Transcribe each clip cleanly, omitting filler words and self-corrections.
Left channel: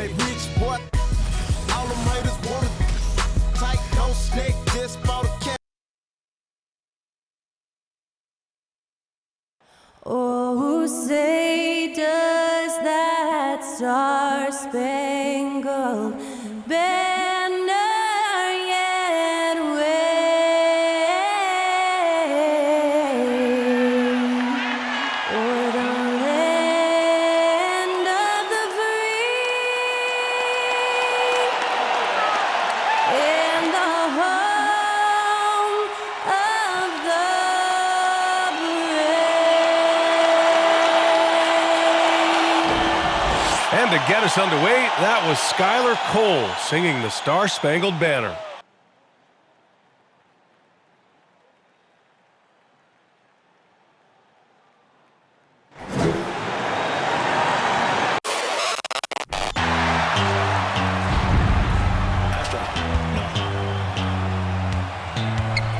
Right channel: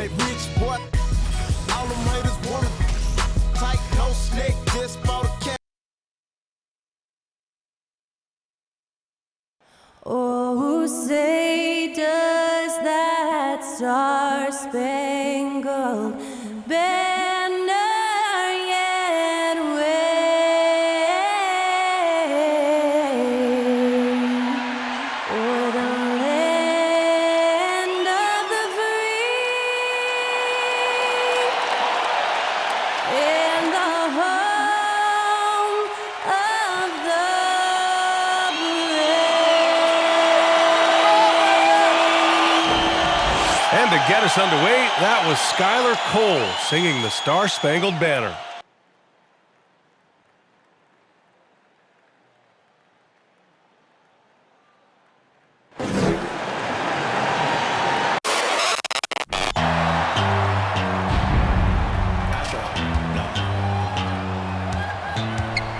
they rich, boy. All them haters wanna tight, no snake, just for the cat. Oh, say does that star-spangled banner yet wave o'er the land of the free and the home of the And to get us underway, that was Skylar Cole singing the Star-Spangled Banner.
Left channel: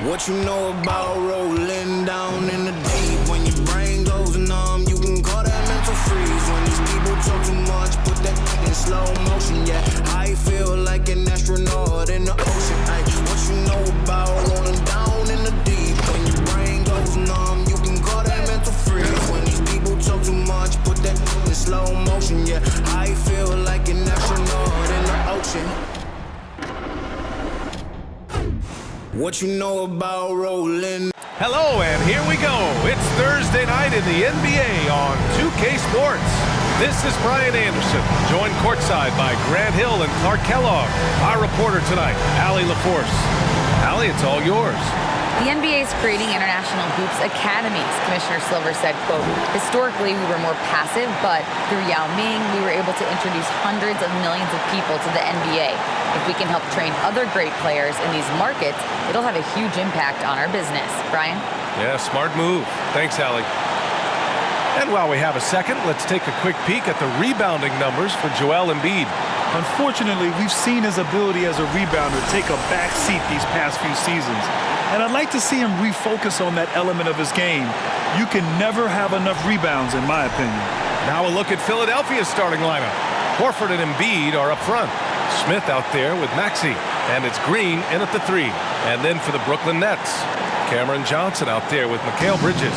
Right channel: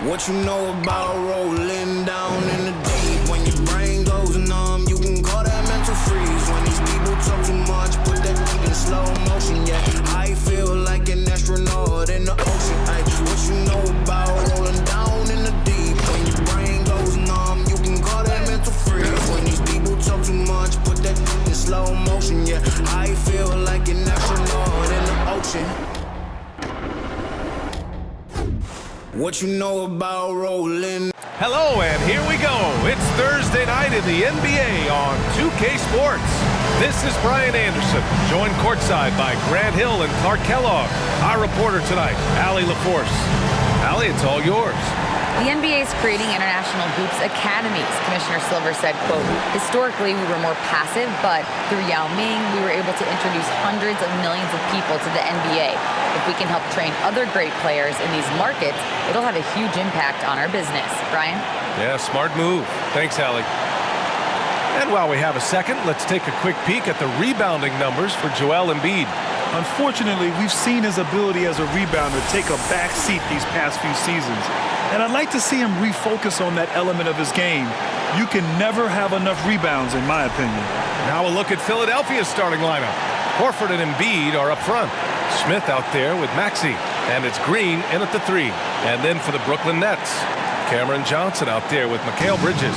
What you know about rolling down in the deep? When your brain goes numb, you can call that mental freeze. When these people talk too much, put that in slow motion. Yeah, I feel like an astronaut in the ocean. Ay, what you know about rolling down in the deep? When your brain goes numb, you can call that mental freeze. When these people talk too much, put that in slow motion. Yeah, I feel like an astronaut in the ocean. What you know about rolling? Hello, and here we go. It's Thursday night in the NBA on 2K Sports. This is Brian Anderson, joined courtside by Grant Hill and Clark Kellogg. Our reporter tonight, Allie LaForce. Allie, it's all yours. The NBA is creating international hoops academies. Commissioner Silver said, quote, historically we were more passive, but through Yao Ming, we were able to introduce hundreds of millions of people to the NBA. If we can help train other great players in these markets, it'll have a huge impact on our business. Brian? Yeah, smart move. Thanks, Allie. And while we have a second, let's take a quick peek at the rebounding numbers for Joel Embiid. Unfortunately, we've seen his ability as a rebounder take a back seat these past few seasons. And I'd like to see him refocus on that element of his game. You can never have enough rebounds, in my opinion. Now a look at Philadelphia's starting lineup. Horford and Embiid are up front. Smith out there with Maxey. And it's Green in at the 3. And then for the Brooklyn Nets, Cameron Johnson out there with Mikal Bridges.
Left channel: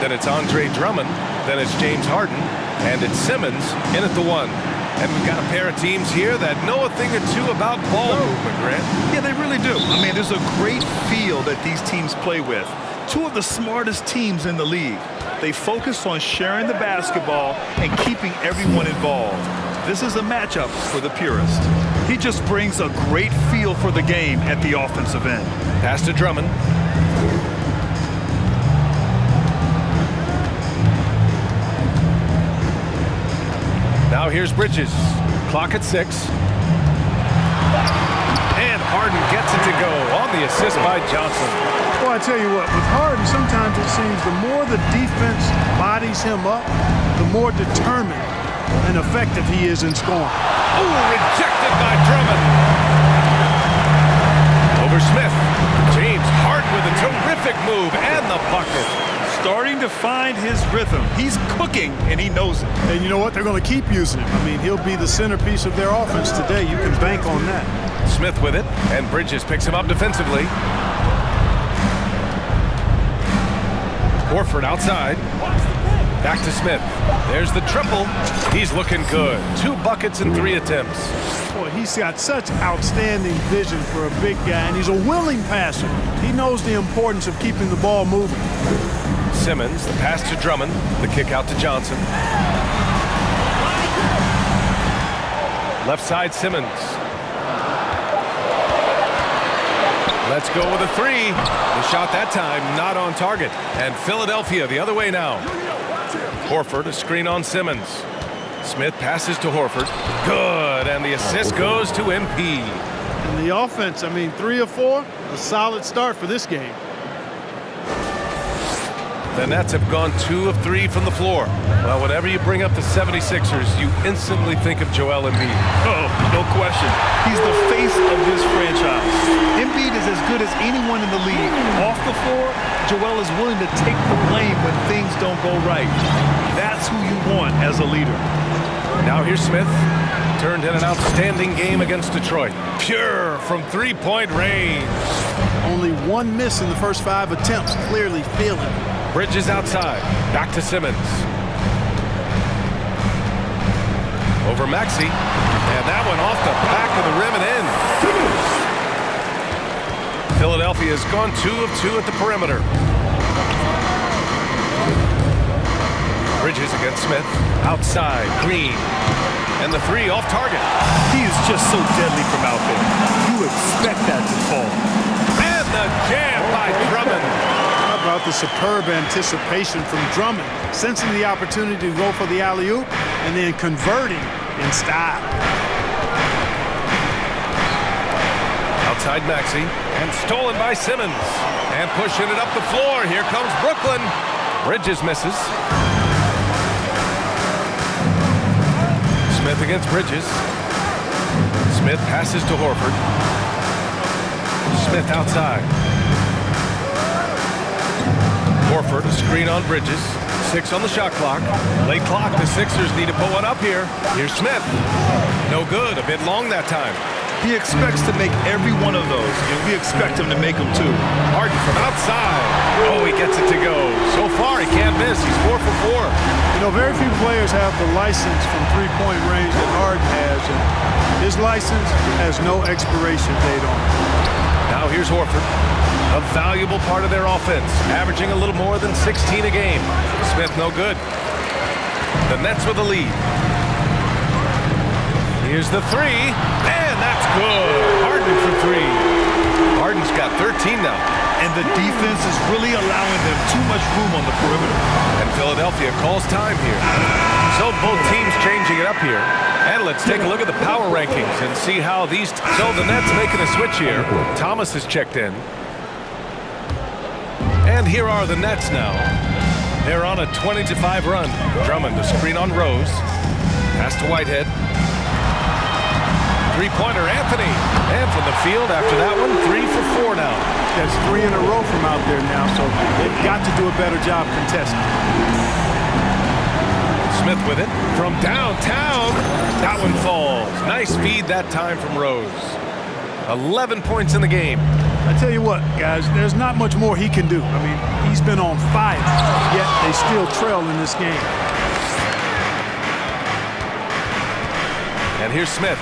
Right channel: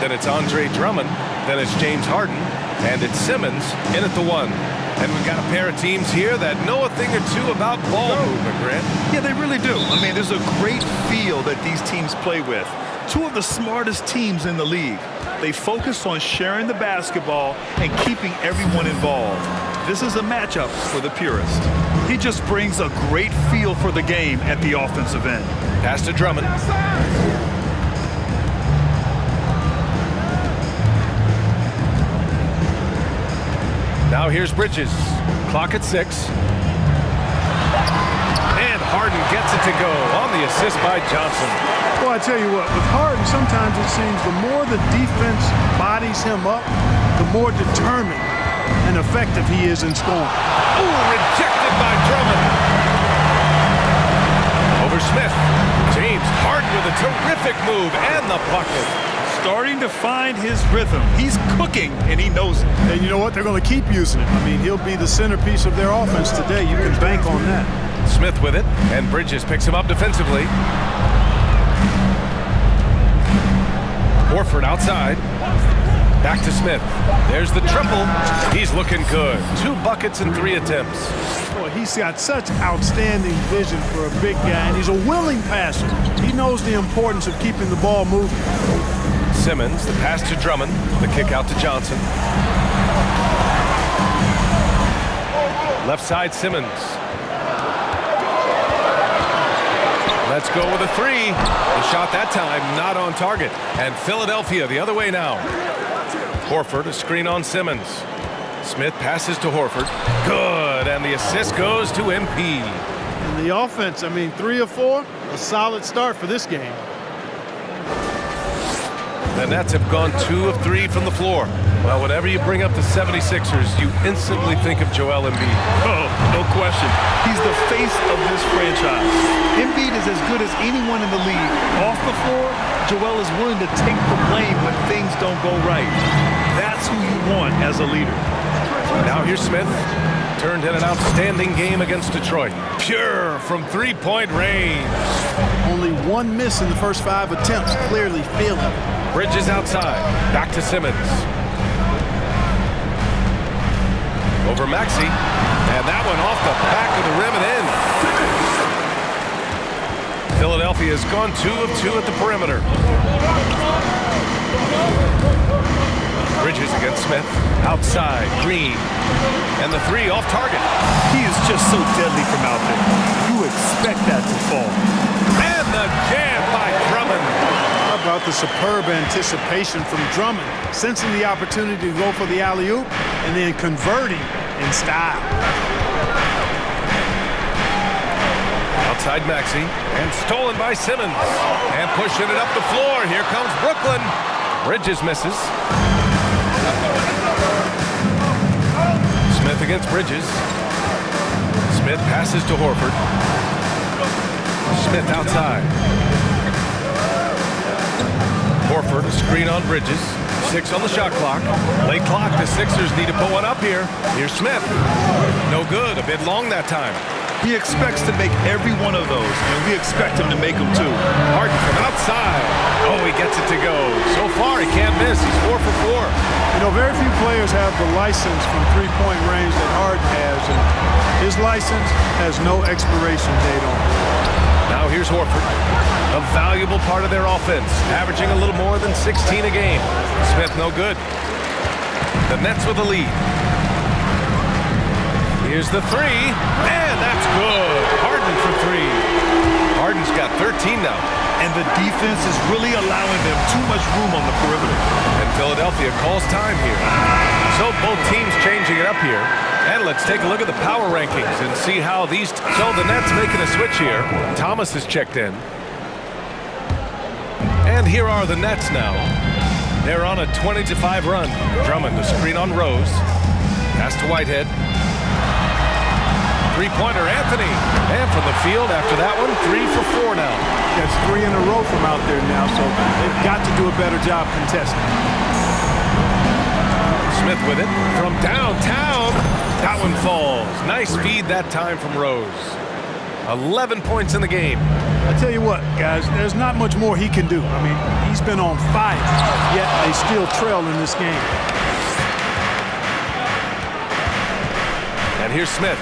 Then it's Andre Drummond. Then it's James Harden. And it's Simmons in at the 1. And we've got a pair of teams here that know a thing or two about ball movement, Grant. Yeah, they really do. I mean, there's a great feel that these teams play with. Two of the smartest teams in the league. They focus on sharing the basketball and keeping everyone involved. This is a matchup for the purist. He just brings a great feel for the game at the offensive end. Pass to Drummond. Now here's Bridges. Clock at 6. And Harden gets it to go on the assist by Johnson. Well, I tell you what, with Harden, sometimes it seems the more the defense bodies him up, the more determined and effective he is in scoring. Oh, rejected by Drummond. Over Smith. James Harden with a terrific move and the bucket. Starting to find his rhythm. He's cooking, and he knows it. And you know what? They're going to keep using him. I mean, he'll be the centerpiece of their offense today. You can bank on that. Smith with it, and Bridges picks him up defensively. Horford outside. Back to Smith. There's the triple. He's looking good. 2 buckets in 3 attempts. Boy, he's got such outstanding vision for a big guy, and he's a willing passer. He knows the importance of keeping the ball moving. Simmons, the pass to Drummond, the kick out to Johnson. Left side, Simmons. Let's go with a 3. The shot that time not on target. And Philadelphia the other way now. Horford, a screen on Simmons. Smith passes to Horford. Good, and the assist goes to MP. And the offense, I mean, 3 of 4, a solid start for this game. The Nets have gone 2 of 3 from the floor. Well, whenever you bring up the 76ers, you instantly think of Joel Embiid. Oh, no question. He's the face of this franchise. Embiid is as good as anyone in the league. Off the floor, Joel is willing to take the blame when things don't go right. That's who you want as a leader. Now here's Smith turned in an outstanding game against Detroit. Pure from three-point range. Only one miss in the first 5 attempts, clearly feeling it. Bridges outside. Back to Simmons. Over Maxey. And that one off the back of the rim and in. Philadelphia has gone 2 of 2 at the perimeter. Bridges against Smith. Outside. Green. And the three off target. He is just so deadly from out there. You expect that to fall. And the jam by Drummond. How about the superb anticipation from Drummond, sensing the opportunity to go for the alley-oop and then converting in style. Outside Maxey, and stolen by Simmons. And pushing it up the floor. Here comes Brooklyn. Bridges misses. Smith against Bridges. Smith passes to Horford. Smith outside. Horford, a screen on Bridges. 6 on the shot clock. Late clock, the Sixers need to put one up here. Here's Smith. No good, a bit long that time. He expects to make every one of those, and we expect him to make them too. Harden from outside. Oh, he gets it to go. So far, he can't miss. He's 4 for 4. You know, very few players have the license from three-point range that Harden has, and his license has no expiration date on it. Now here's Horford. A valuable part of their offense, averaging a little more than 16 a game. Smith no good. The Nets with the lead. Here's the three, and that's good. Harden for 3. Harden's got 13 now. And the defense is really allowing them too much room on the perimeter. And Philadelphia calls time here. So both teams changing it up here. And let's take a look at the power rankings and see how these... So the Nets making a switch here. Thomas is checked in. And here are the Nets now. They're on a 20-5 run. Drummond, a screen on Rose. Pass to Whitehead. Three-pointer, Anthony. And from the field after that one, 3 for 4 now. That's 3 in a row from out there now, so they've got to do a better job contesting. Smith with it from downtown. That one falls. Nice feed that time from Rose. 11 points in the game. I tell you what, guys, there's not much more he can do. I mean, he's been on fire, yet they still trail in this game. And here's Smith.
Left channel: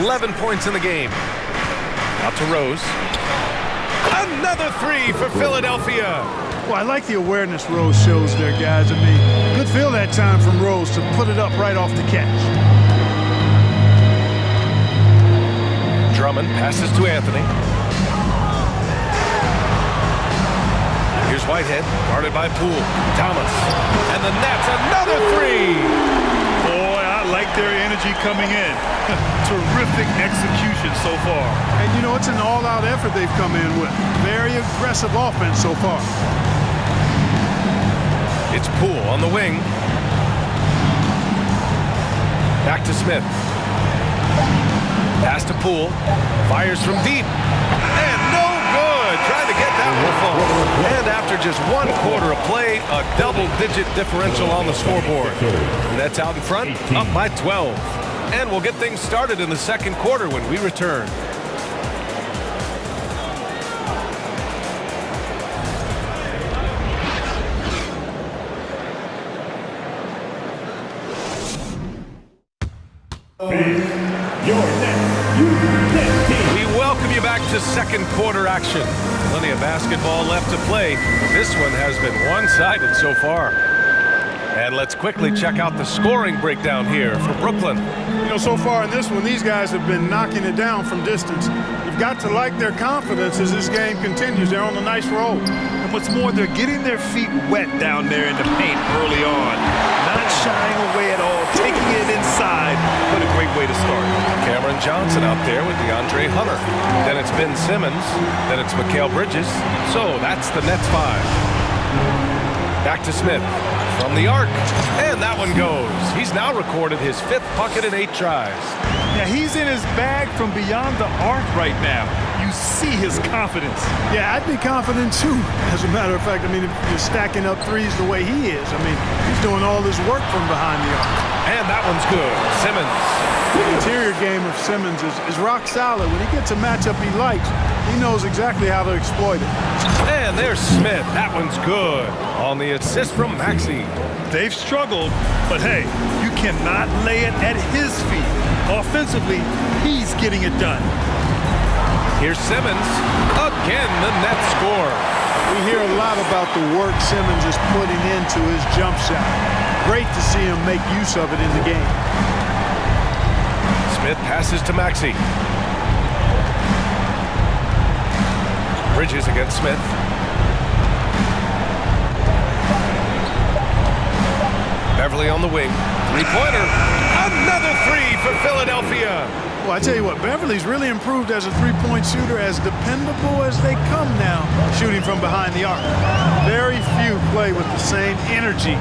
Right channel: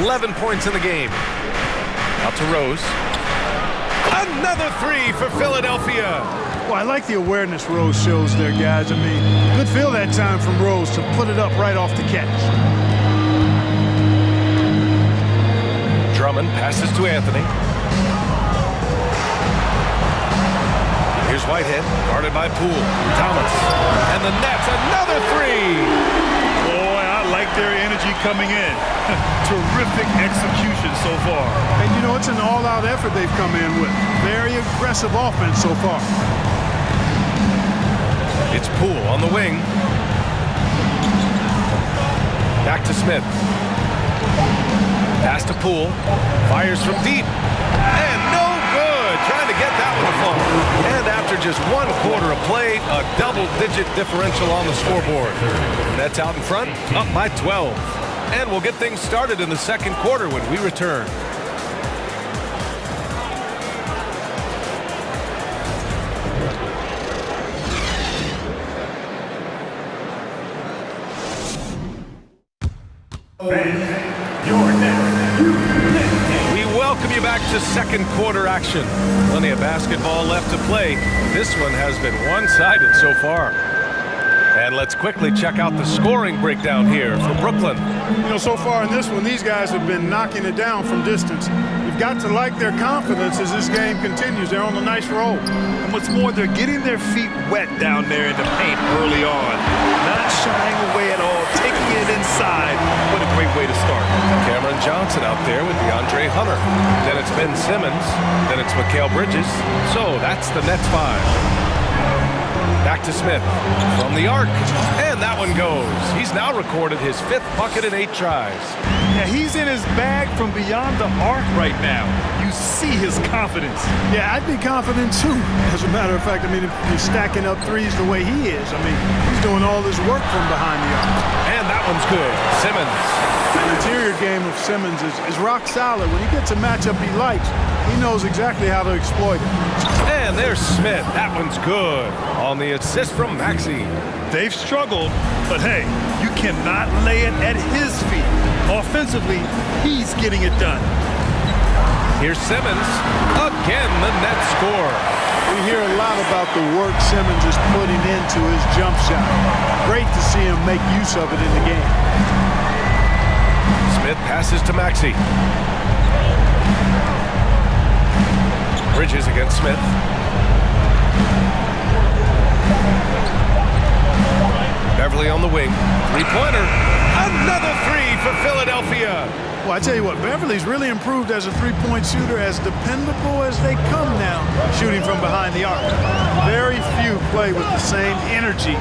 11 points in the game. Out to Rose. Another 3 for Philadelphia. Well, I like the awareness Rose shows there, guys. I mean, good feel that time from Rose to put it up right off the catch. Drummond passes to Anthony. Here's Whitehead, guarded by Poole. Thomas. And the Nets, another 3. Boy, I like their energy coming in. Terrific execution so far. And, you know, it's an all-out effort they've come in with. Very aggressive offense so far. It's Poole on the wing. Back to Smith. Pass to Poole. Fires from deep. And no good. Trying to get that one to fall. And after just 1 quarter of play, a double-digit differential on the scoreboard. Nets out in front, up by 12. And we'll get things started in the second quarter when we return. We welcome you back to second quarter action. Plenty of basketball left to play. This one has been one-sided so far. And let's quickly check out the scoring breakdown here for Brooklyn. You know, so far in this one, these guys have been knocking it down from distance. You've got to like their confidence as this game continues. They're on a nice roll. And what's more, they're getting their feet wet down there in the paint early on. Not shying away at all, taking it inside. What a great way to start. Cameron Johnson out there with DeAndre Hunter. Then it's Ben Simmons. Then it's Mikal Bridges. So that's the Nets 5. Back to Smith. from the arc. And that one goes. He's now recorded his 5th bucket in 8 tries. Now, he's in his bag from beyond the arc right now. You see his confidence. Yeah, I'd be confident too. As a matter of fact, I mean, if you're stacking up threes the way he is, I mean, he's doing all this work from behind the arc. And that one's good. Simmons. The interior game of Simmons is rock solid. When he gets a matchup he likes, he knows exactly how to exploit it. And there's Smith. That one's good. On the assist from Maxey. They've struggled, but hey, you cannot lay it at his feet. Offensively, he's getting it done. Here's Simmons. Again, the net score. We hear a lot about the work Simmons is putting into his jump shot. Great to see him make use of it in the game. Smith passes to Maxey. Bridges against Smith. Beverly on the wing. Three-pointer. Another 3 for Philadelphia. Well, I tell you what, Beverly's really improved as a three-point shooter, as dependable as they come now, shooting from behind the arc. Very few play with the same energy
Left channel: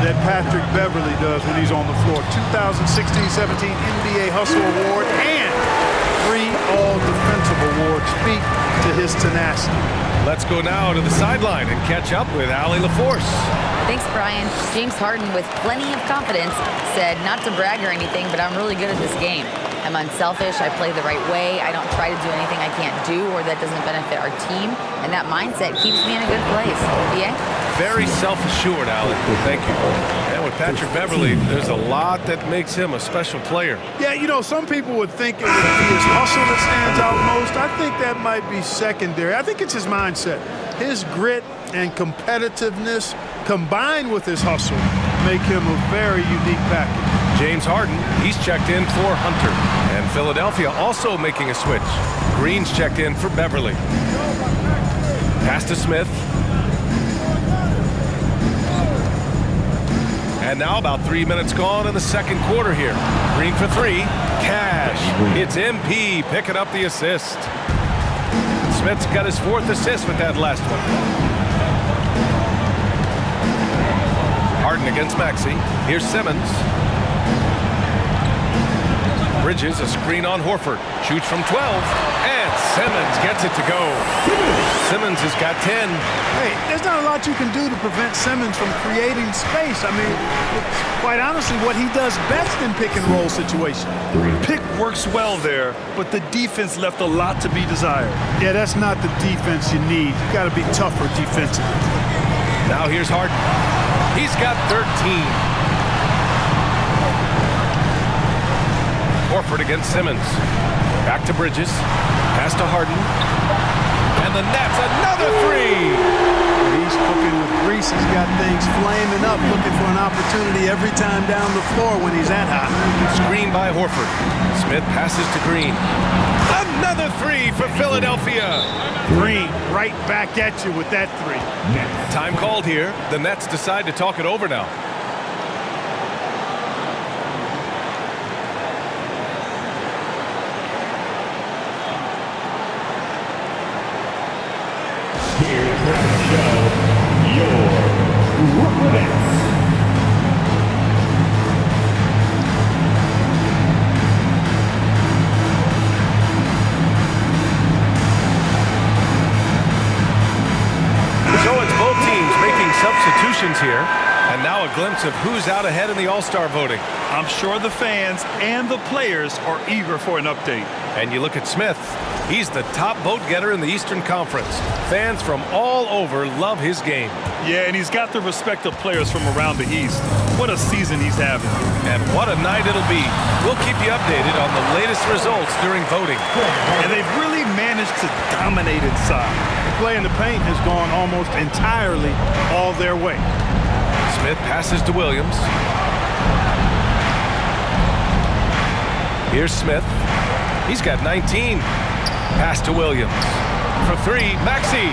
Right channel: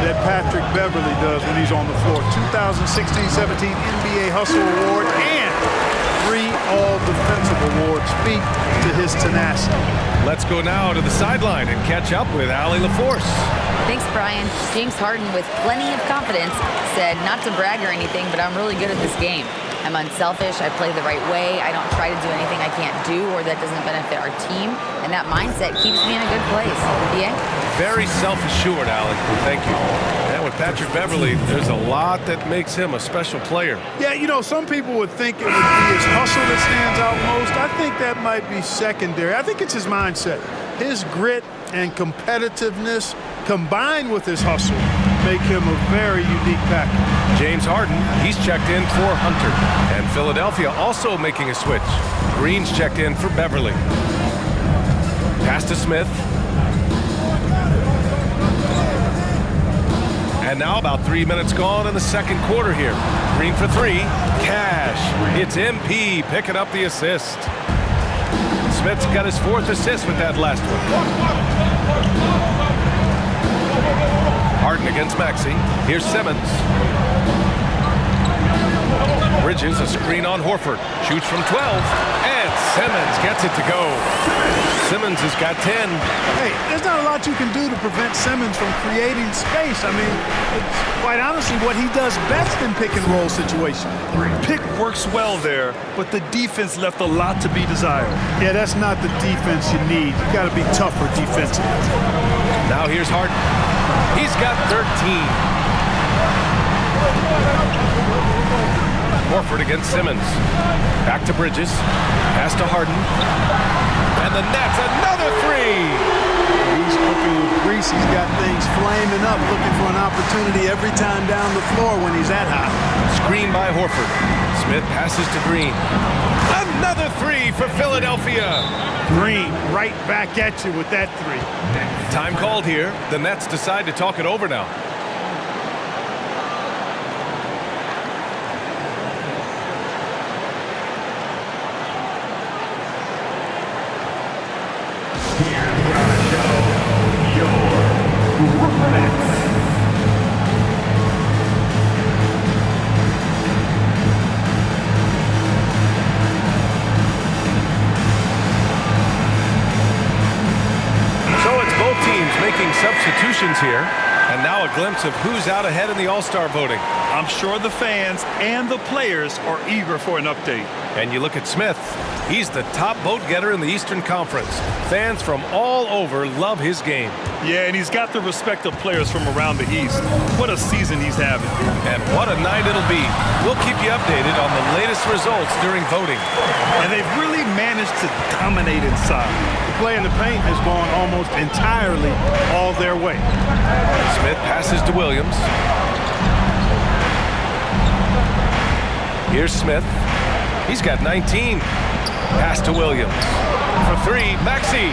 that Patrick Beverly does when he's on the floor. 2016-17 NBA Hustle Award and 3 All-Defensive Awards speak to his tenacity. Let's go now to the sideline and catch up with Allie LaForce. Thanks, Brian. James Harden, with plenty of confidence, said not to brag or anything, but I'm really good at this game. I'm unselfish, I play the right way, I don't try to do anything I can't do or that doesn't benefit our team, and that mindset keeps me in a good place. BA? Very self-assured, Allie. Thank you. And with Patrick Beverly, there's a lot that makes him a special player. Yeah, you know, some people would think it would be his hustle that stands out most. I think that might be secondary. I think it's his mindset. His grit and competitiveness combined with his hustle make him a very unique package. James Harden, he's checked in for Hunter. And Philadelphia also making a switch. Green's checked in for Beverly. Pass to Smith. And now about 3 minutes gone in the second quarter here. Green for 3. Cash. It's MP picking up the assist. Smith's got his 4th assist with that last one. Harden against Maxey. Here's Simmons. Bridges, a screen on Horford. Shoots from 12. And Simmons gets it to go. Simmons has got 10. Hey, there's not a lot you can do to prevent Simmons from creating space. I mean, it's quite honestly what he does best in pick-and-roll situations. Pick works well there, but the defense left a lot to be desired. Yeah, that's not the defense you need. You got to be tougher defensively. Now here's Harden. He's got 13. Horford against Simmons. Back to Bridges. Pass to Harden. And the Nets, another 3. He's cooking with grease. He's got things flaming up, looking for an opportunity every time down the floor when he's that hot. Screen by Horford. Smith passes to Green. Another 3 for Philadelphia. Green right back at you with that 3. Time called here. The Nets decide to talk it over now. So it's both teams making substitutions here. And now a glimpse of who's out ahead in the All-Star voting. I'm sure the fans and the players are eager for an update. And you look at Smith. He's the top vote getter in the Eastern Conference. Fans from all over love his game. Yeah, and he's got the respect of players from around the East. What a season he's having. And what a night it'll be. We'll keep you updated on the latest results during voting. And they've really managed to dominate inside. The play in the paint has gone almost entirely all their way. Smith passes to Williams. Here's Smith. He's got 19. Pass to Williams. For 3, Maxey.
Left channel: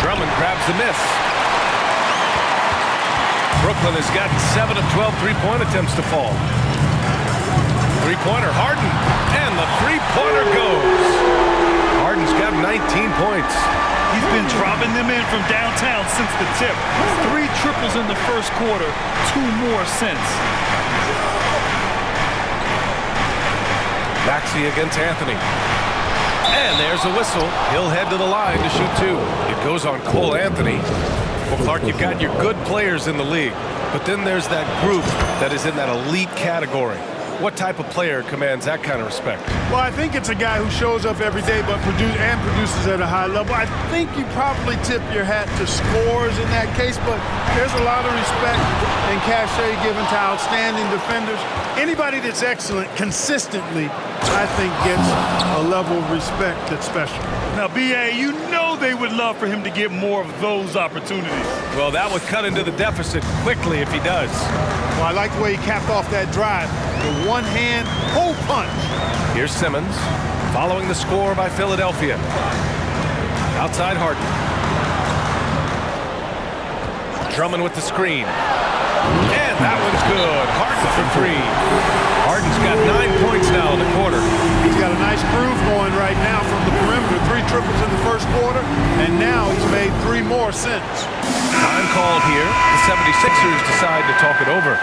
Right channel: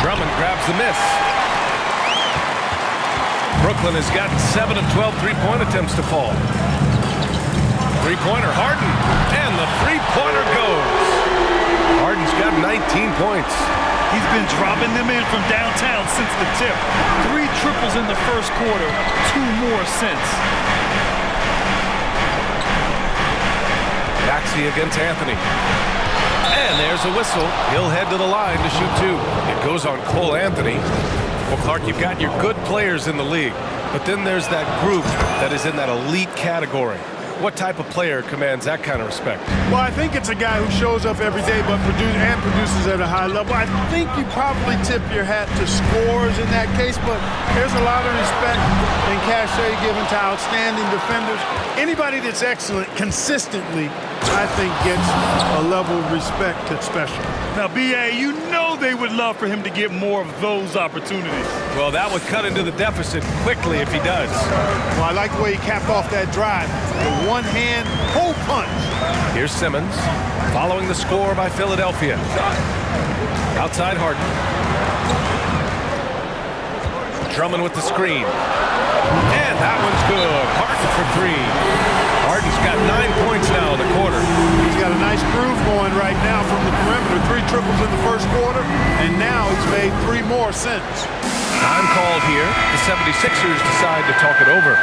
Drummond grabs the miss. Brooklyn has gotten 7 of 12 three-point attempts to fall. Three-pointer, Harden. And the three-pointer goes. Harden's got 19 points. He's been dropping them in from downtown since the tip. 3 triples in the first quarter, 2 more since. Maxey against Anthony. And there's a whistle. He'll head to the line to shoot 2. It goes on Cole Anthony. Well, Clark, you've got your good players in the league, but then there's that group that is in that elite category. What type of player commands that kind of respect? Well, I think it's a guy who shows up every day but produces at a high level. I think you probably tip your hat to scores in that case, but there's a lot of respect and cachet given to outstanding defenders. Anybody that's excellent consistently, I think, gets a level of respect that's special. Now, B.A., you know they would love for him to get more of those opportunities. Well, that would cut into the deficit quickly if he does. Well, I like the way he capped off that drive. The one-hand hole punch. Here's Simmons following the score by Philadelphia. Outside Harden. Drummond with the screen. And that one's good. Harden for 3. Harden's got 9 points now in the quarter. He's got a nice groove going right now from the perimeter. 3 triples in the first quarter, and now he's made 3 more since. Time called here. The 76ers decide to talk it over.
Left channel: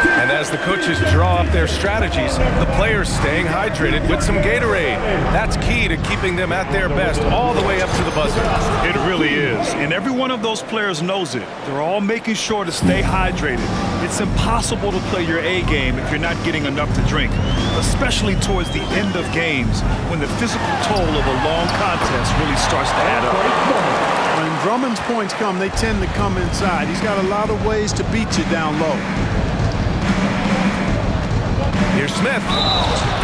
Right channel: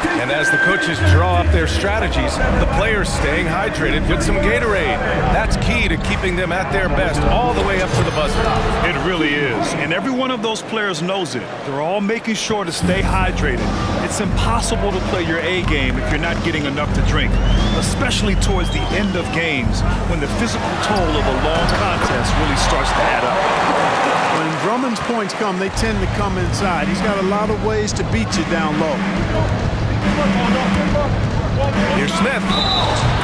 And as the coaches draw up their strategies, the players staying hydrated with some Gatorade. That's key to keeping them at their best all the way up to the buzzer. It really is. And every one of those players knows it. They're all making sure to stay hydrated. It's impossible to play your A game if you're not getting enough to drink, especially towards the end of games when the physical toll of a long contest really starts to add up. When Drummond's points come, they tend to come inside. He's got a lot of ways to beat you down low. Here's Smith.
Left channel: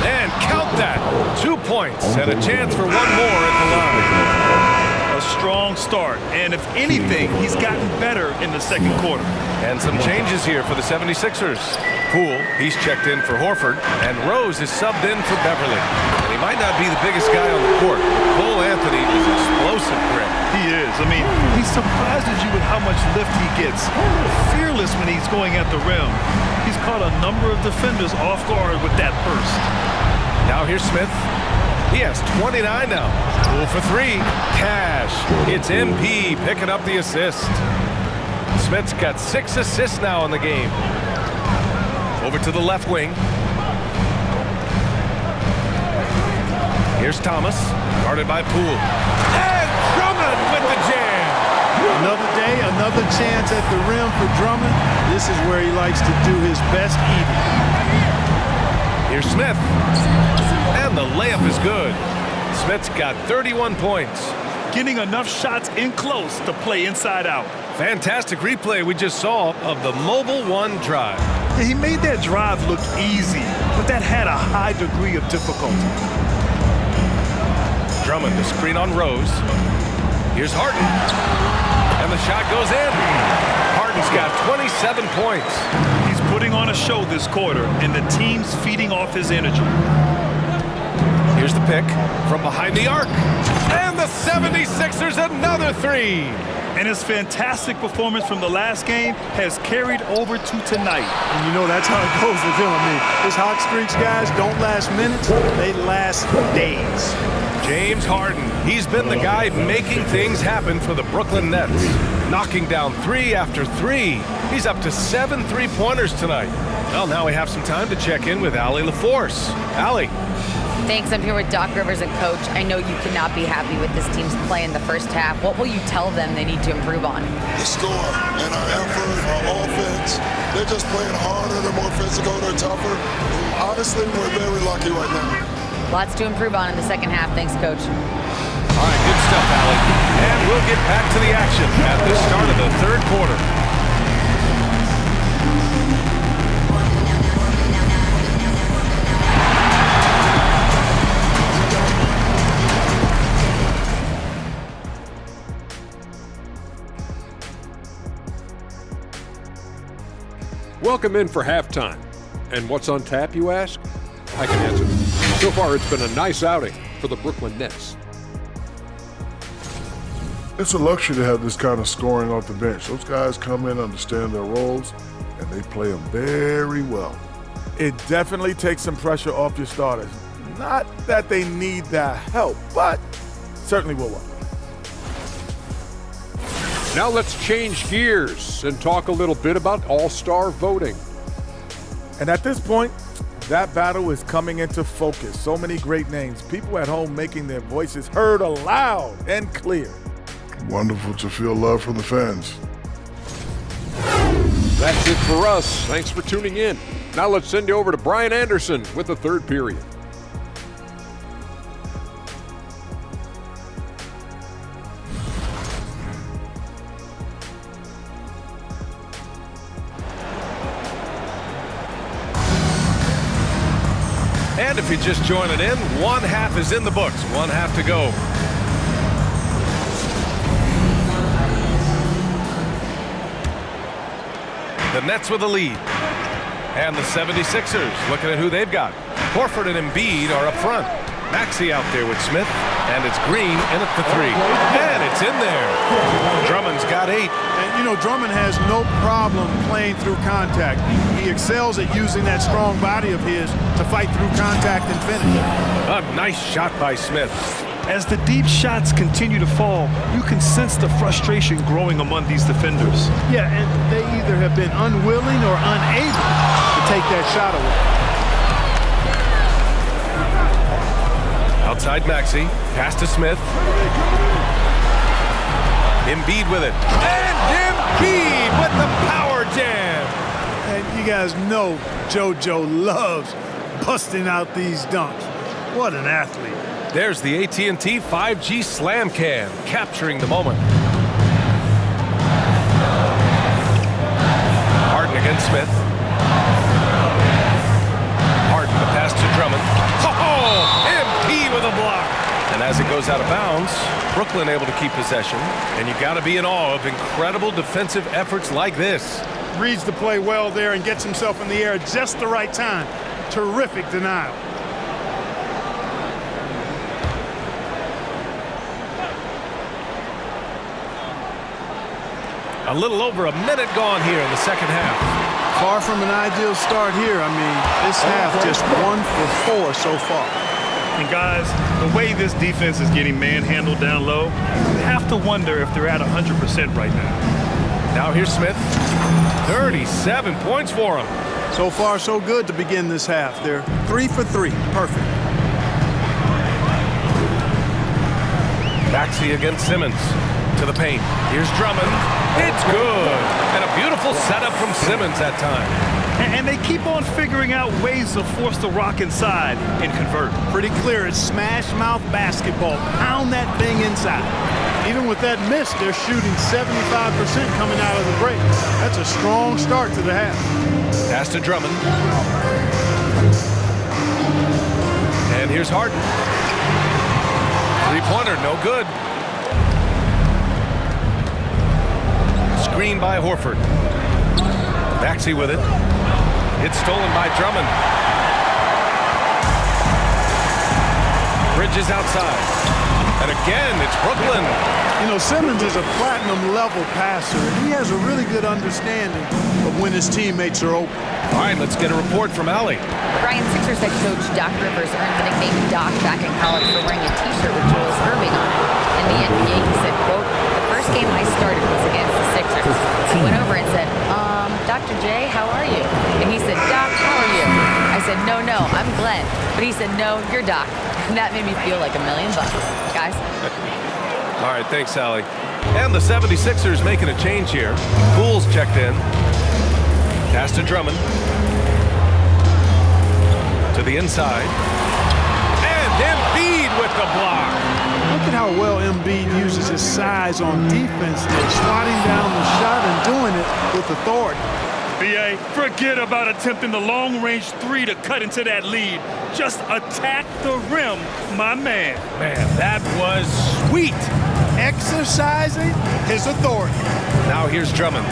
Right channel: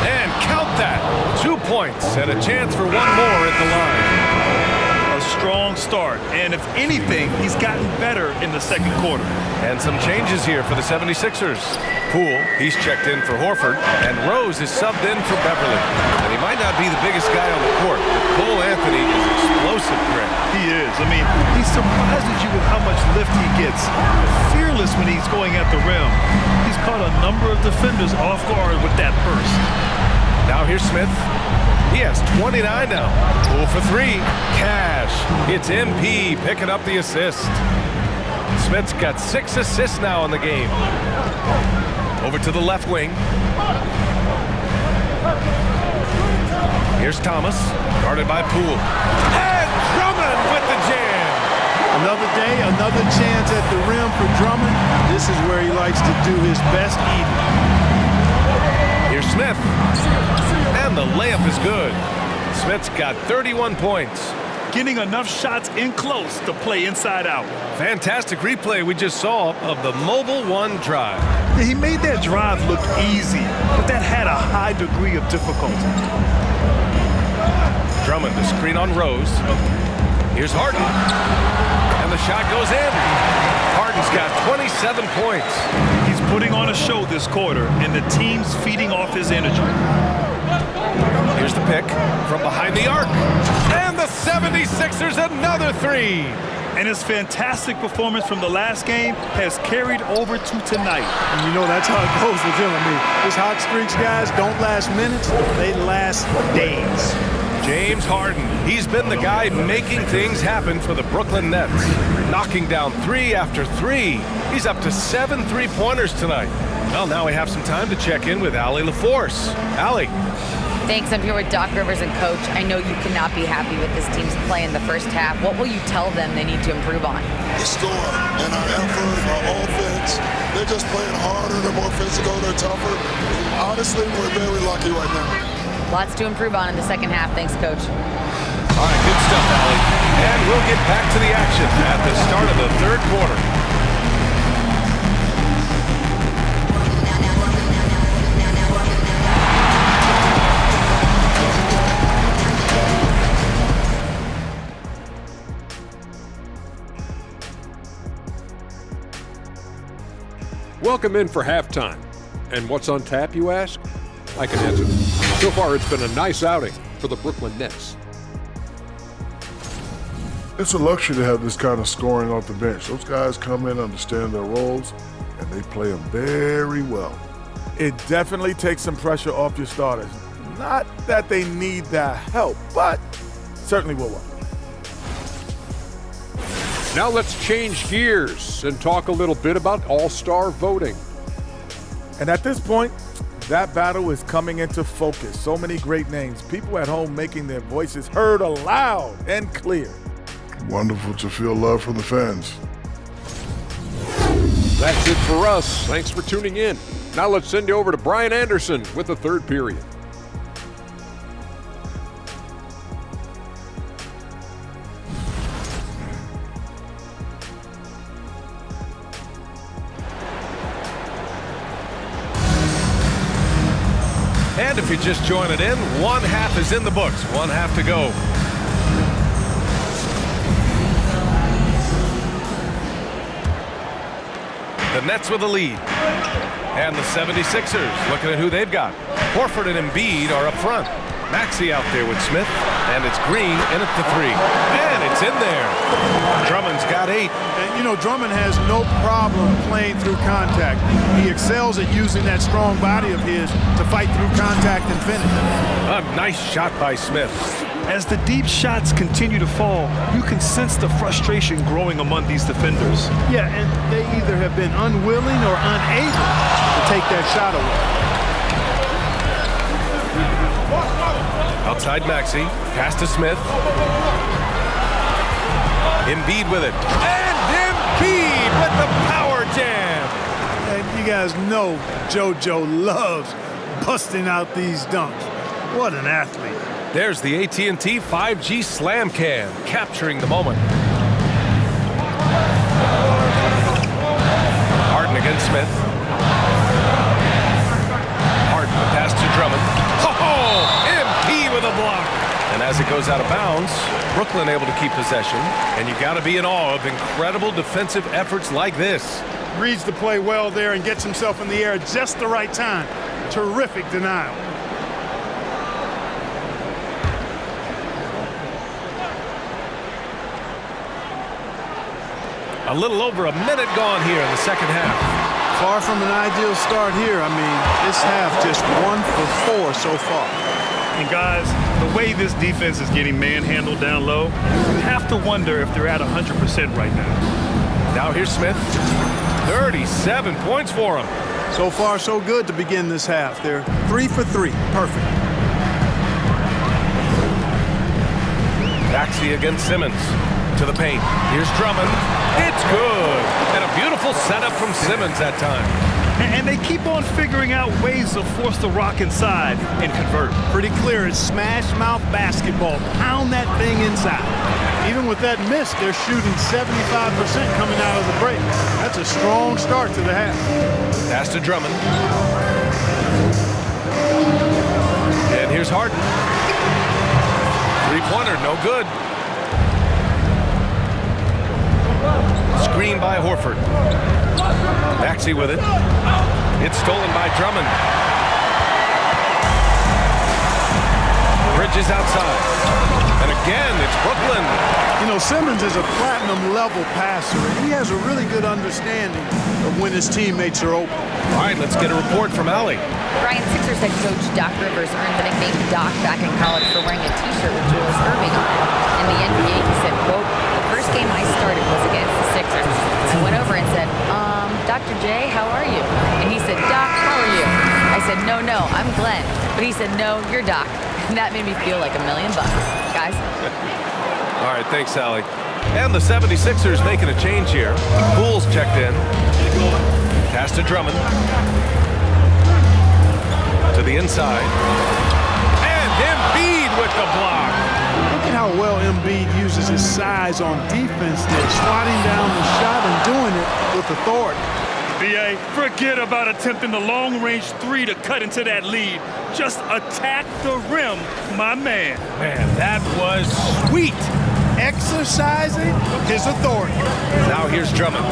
And count that. 2 points and a chance for 1 more at the line. A strong start. And if anything, he's gotten better in the second quarter. And some changes here for the 76ers. Poole, he's checked in for Horford. And Rose is subbed in for Beverly. And he might not be the biggest guy on the court, but Cole Anthony is explosive, Greg. He is. I mean, he surprises you with how much lift he gets. Fearless when he's going at the rim. He's caught a number of defenders off guard with that burst. Now here's Smith. He has 29 now. Poole for 3. Cash. It's MP picking up the assist. Smith's got 6 assists now in the game. Over to the left wing. Here's Thomas, guarded by Poole. And Drummond with the jam. Another day, another chance at the rim for Drummond. This is where he likes to do his best eating. Here's Smith. And the layup is good. Smith's got 31 points. Getting enough shots in close to play inside out. Fantastic replay we just saw of the Mobile One drive. Yeah, he made that drive look easy, but that had a high degree of difficulty. Drummond, the screen on Rose. Here's Harden. And the shot goes in. Harden's got 27 points. He's putting on a show this quarter, and the team's feeding off his energy. Here's the pick from behind the arc. And the 76ers another 3. And his fantastic performance from the last game has carried over to tonight. And you know that's how it goes with him. I mean, his hot streaks, guys, don't last minutes. They last days. James Harden, he's been the guy making things happen for the Brooklyn Nets. Knocking down 3 after 3. He's up to 7 3-pointers tonight. Well, now we have some time to check in with Allie LaForce. Allie. Thanks. I'm here with Doc Rivers and Coach. I know you cannot be happy with this team's play in the first half. What will you tell them they need to improve on? The score and our effort, our offense. They're just playing harder. They're more physical. They're tougher. Honestly, we're very lucky right now. Lots to improve on in the second half. Thanks, Coach. All right, good stuff, Allie. And we'll get back to the action at the start of the third quarter. Welcome in for halftime. And what's on tap, you ask? I can answer. So far, it's been a nice outing for the Brooklyn Nets. It's a luxury to have this kind of scoring off the bench. Those guys come in, understand their roles, and they play them very well. It definitely takes some pressure off your starters. Not that they need that help, but certainly will work. Now let's change gears and talk a little bit about All-Star voting. And at this point, that battle is coming into focus. So many great names. People at home making their voices heard aloud and clear. Wonderful to feel love from the fans. That's it for us. Thanks for tuning in. Now let's send you over to Brian Anderson with the third period. And if you're just joining in, one half is in the books. One half to go. The Nets with the lead. And the 76ers looking at who they've got. Horford and Embiid are up front. Maxey out there with Smith. And it's Green in at the 3. And it's in there. Drummond's got 8. And, you know, Drummond has no problem playing through contact. He excels at using that strong body of his to fight through contact and finish. A nice shot by Smith. As the deep shots continue to fall, you can sense the frustration growing among these defenders. Yeah, and they either have been unwilling or unable to take that shot away. Outside Maxey. Pass to Smith. Embiid with it. And Embiid with the power jam. And you guys know JoJo loves busting out these dunks. What an athlete. There's the AT&T 5G Slam Cam, capturing the moment. Harden against Smith. Harden, the pass to Drummond. Oh, MP with a block. And as it goes out of bounds, Brooklyn able to keep possession. And you got to be in awe of incredible defensive efforts like this. Reads the play well there and gets himself in the air at just the right time. Terrific denial. A little over a minute gone here in the second half. Far from an ideal start here. I mean, this half just 1 for 4 so far. And guys, the way this defense is getting manhandled down low, you have to wonder if they're at 100% right now. Now here's Smith. 37 points for him. So far, so good to begin this half. They're 3 for 3. Perfect. Maxey against Simmons. To the paint. Here's Drummond. It's good. And a beautiful setup from Simmons that time. And they keep on figuring out ways to force the rock inside and convert. Pretty clear. It's smash mouth basketball. Pound that thing inside. Even with that miss, they're shooting 75% coming out of the break. That's a strong start to the half. Pass to Drummond. And here's Harden. Three-pointer, no good. Screen by Horford. Maxey with it. It's stolen by Drummond. Bridges outside. And again, it's Brooklyn. You know, Simmons is a platinum-level passer, and he has a really good understanding of when his teammates are open. All right, let's get a report from Allie. Brian, Sixers head coach Doc Rivers earned the nickname Doc back in college for wearing a T-shirt with Julius Erving on it. In the NBA, he said, quote, "The first game I started was against the Sixers. I went over and said, Dr. J, how are you?" And he said, "Doc, how are you?" I said, no, I'm Glenn." But he said, "No, you're Doc." And that made me feel like $1 million, guys. All right, thanks, Allie. And the 76ers making a change here. Poole's checked in. Pass to Drummond. To the inside. And Embiid with the block. Look at how well Embiid uses his size on defense there, swatting down the shot and doing it with authority. BA, forget about attempting the long-range 3 to cut into that lead. Just attack the rim, my man. Man, that was sweet. Exercising his authority. Now here's Drummond.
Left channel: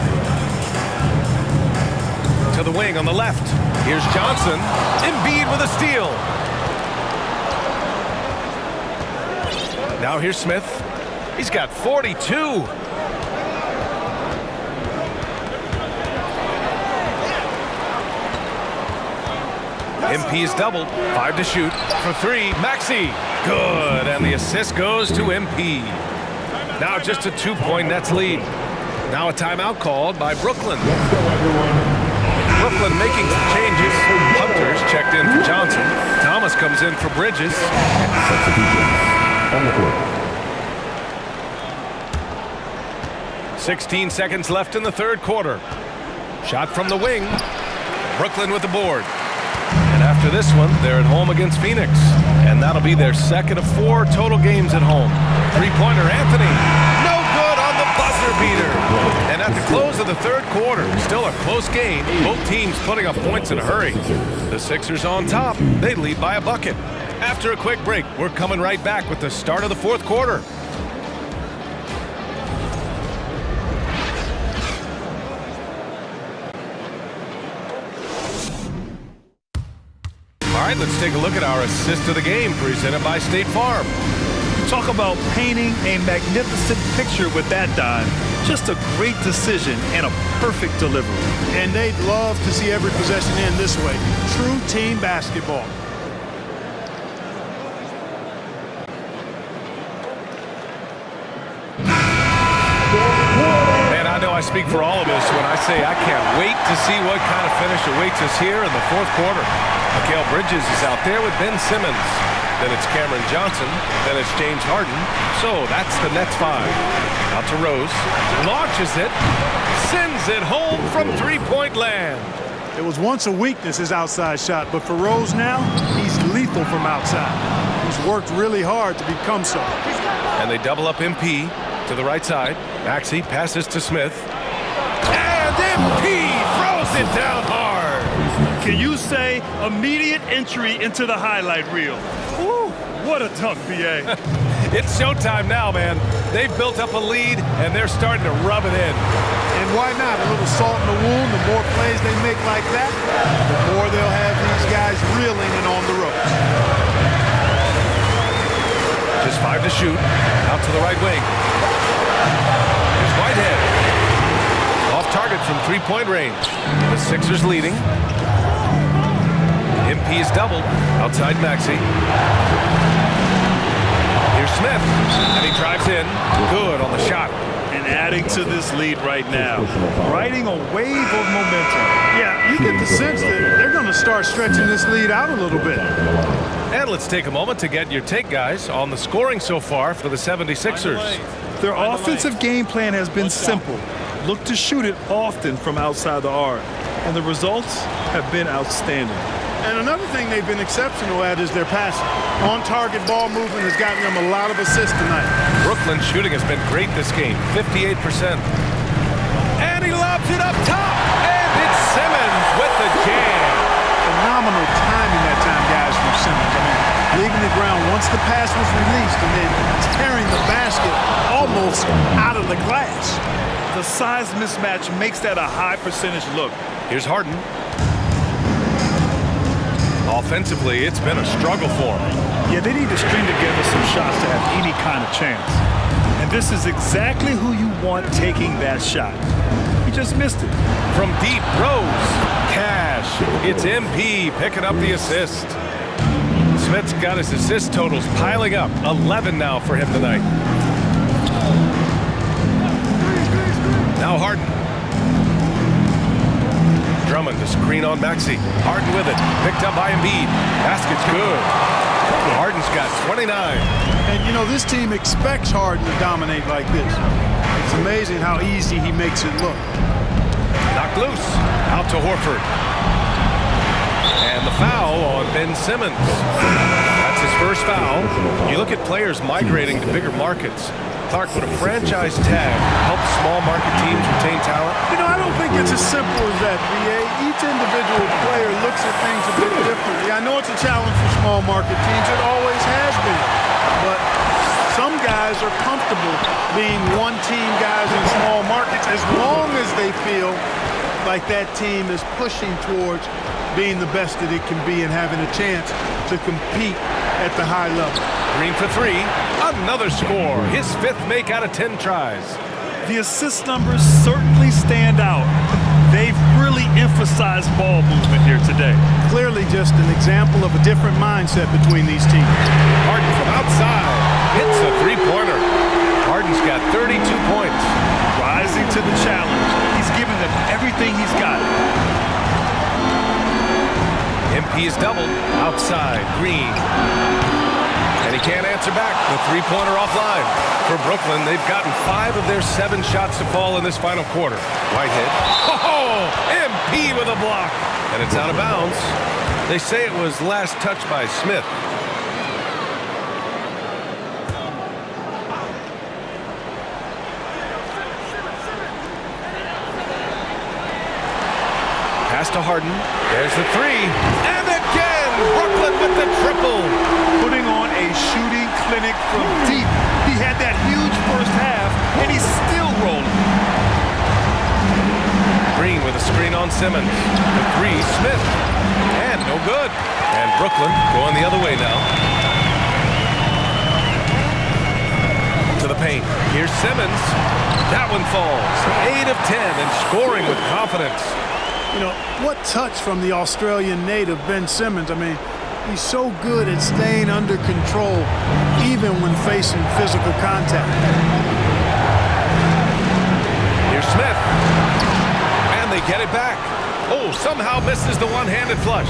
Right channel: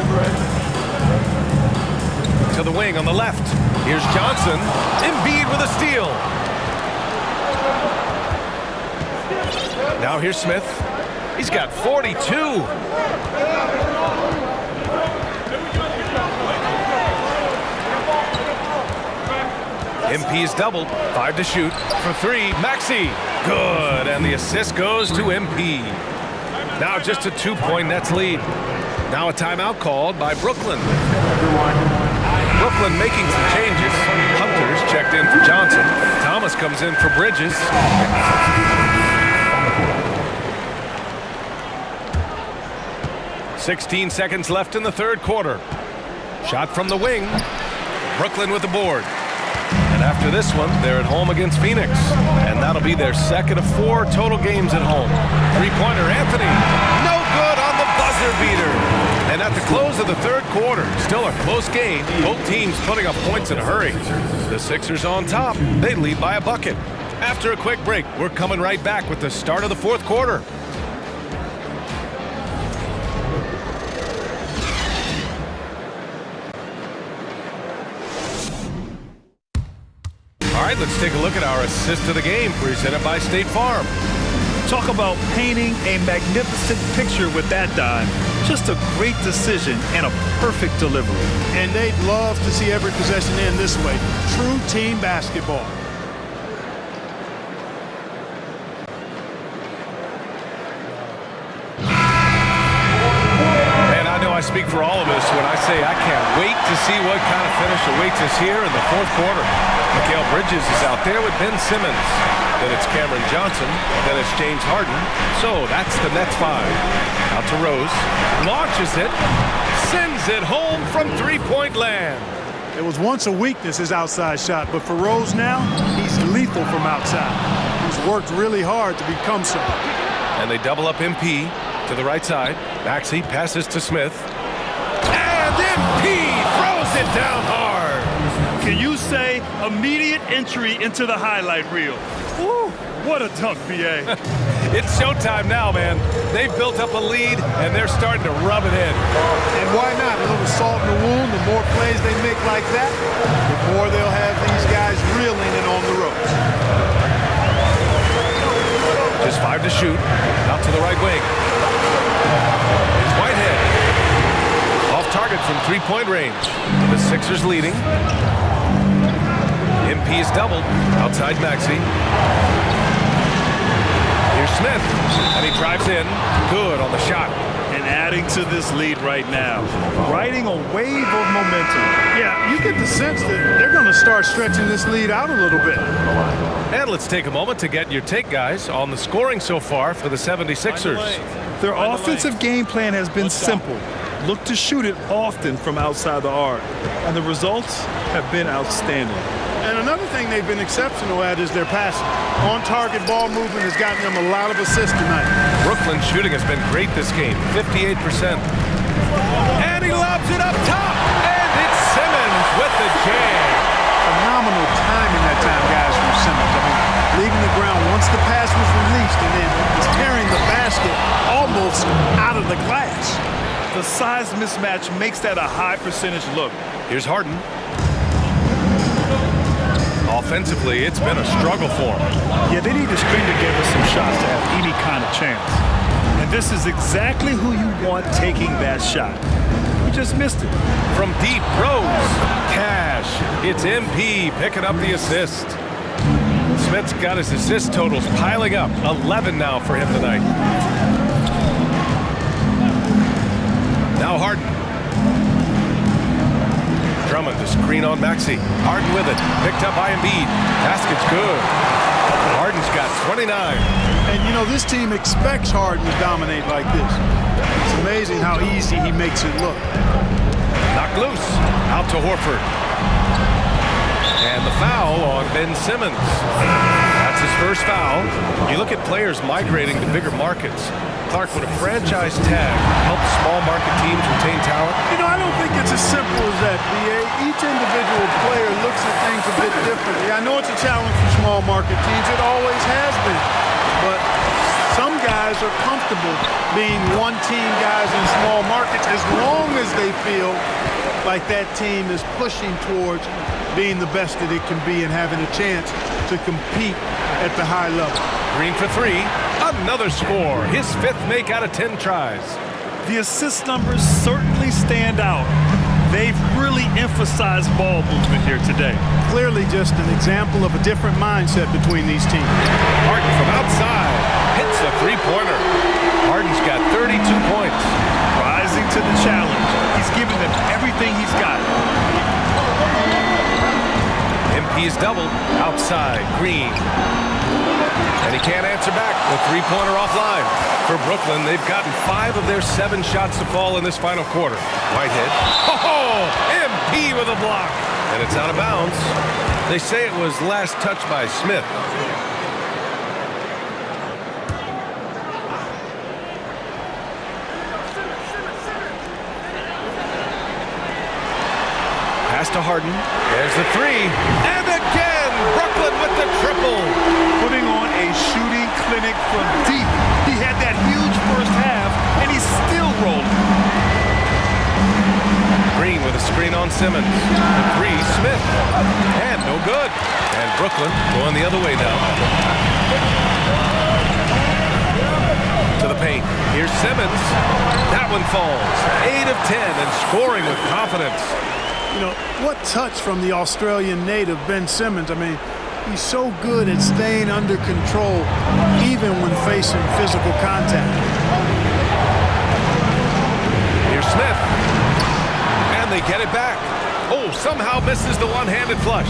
To the wing on the left. Here's Johnson. Embiid with a steal. Now here's Smith. He's got 42. MP's doubled. 5 to shoot. For 3. Maxey. Good. And the assist goes to MP. Now just a 2-point Nets lead. Now a timeout called by Brooklyn. Brooklyn making some changes. Hunter's checked in for Johnson. Thomas comes in for Bridges. 16 seconds left in the third quarter. Shot from the wing. Brooklyn with the board. And after this one, they're at home against Phoenix. And that'll be their second of 4 total games at home. Three-pointer, Anthony. No good on the buzzer beater. And at the close of the third quarter, still a close game. Both teams putting up points in a hurry. The Sixers on top. They lead by a bucket. After a quick break, we're coming right back with the start of the fourth quarter. All right, let's take a look at our assist of the game presented by State Farm. Talk about painting a magnificent picture with that dime. Just a great decision and a perfect delivery. And they'd love to see every possession end this way. True team basketball. Man, I know I speak for all of us when I say I can't wait to see what kind of finish awaits us here in the fourth quarter. Mikal Bridges is out there with Ben Simmons. Then it's Cameron Johnson. Then it's James Harden. So that's the Nets 5. Out to Rose. Launches it. Sends it home from three-point land. It was once a weakness, his outside shot, but for Rose now, he's lethal from outside. He's worked really hard to become so. And they double up MP to the right side. Maxey passes to Smith. And MP throws it down hard. Can you say immediate entry into the highlight reel? Woo, what a dunk, B.A. It's showtime now, man. They've built up a lead, and they're starting to rub it in. And why not? A little salt in the wound. The more plays they make like that, the more they'll have these guys reeling and on the ropes. Just 5 to shoot. Out to the right wing. Here's Whitehead. Off target from three-point range. The Sixers leading. MP is doubled. Outside Maxey. Here's Smith. And he drives in. Good on the shot. And adding to this lead right now. Riding a wave of momentum. Yeah, you get the sense that they're going to start stretching this lead out a little bit. And let's take a moment to get your take, guys, on the scoring so far for the 76ers. Their offensive game plan has been simple. Look to shoot it often from outside the arc. And the results have been outstanding. And another thing they've been exceptional at is their passing. On-target ball movement has gotten them a lot of assists tonight. Brooklyn's shooting has been great this game, 58%. And he lobs it up top, and it's Simmons with the jam. Phenomenal timing that time, guys, from Simmons. I mean, leaving the ground once the pass was released and then tearing the basket almost out of the glass. The size mismatch makes that a high percentage look. Here's Harden. Offensively, it's been a struggle for him. Yeah, they need to string together some shots to have any kind of chance. And this is exactly who you want taking that shot. He just missed it. From deep, Rose. Cash. It's MP picking up the assist. Smith's got his assist totals piling up. 11 now for him tonight. Now Harden. Drummond to screen on Maxey. Harden with it. Picked up by Embiid. Basket's good. Harden's got 29. And, you know, this team expects Harden to dominate like this. It's amazing how easy he makes it look. Knocked loose. Out to Horford. And the foul on Ben Simmons. That's his first foul. You look at players migrating to bigger markets. Clark, would a franchise tag help small market teams retain talent? You know, I don't think it's as simple as that, B.A. Each individual player looks at things a bit differently. I know it's a challenge for small market teams. It always has been. But some guys are comfortable being one-team guys in small markets as long as they feel like that team is pushing towards being the best that it can be and having a chance to compete at the high level. Green for three. Another score. His 5th make out of 10 tries. The assist numbers certainly stand out. They've really emphasized ball movement here today. Clearly just an example of a different mindset between these teams. Harden from outside hits a three-pointer. Harden's got 32 points. rising to the challenge. He's giving them everything he's got. MP is doubled. Outside, Green. And he can't answer back. The three-pointer offline. For Brooklyn, they've gotten 5 of their 7 shots to fall in this final quarter. Whitehead. Oh, MP with a block. And it's out of bounds. They say it was last touched by Smith. Pass to Harden. There's the 3. And again, Brooklyn with the triple. Putting on a shooting clinic from deep. He had that huge first half, and he's still rolling. Green with a screen on Simmons. The 3, Smith. And no good. And Brooklyn going the other way now. To the paint. Here's Simmons. That one falls. 8 of 10 and scoring with confidence. You know, what touch from the Australian native, Ben Simmons. I mean, he's so good at staying under control even when facing physical contact. Here's Smith. And they get it back. Oh, somehow misses the one-handed flush.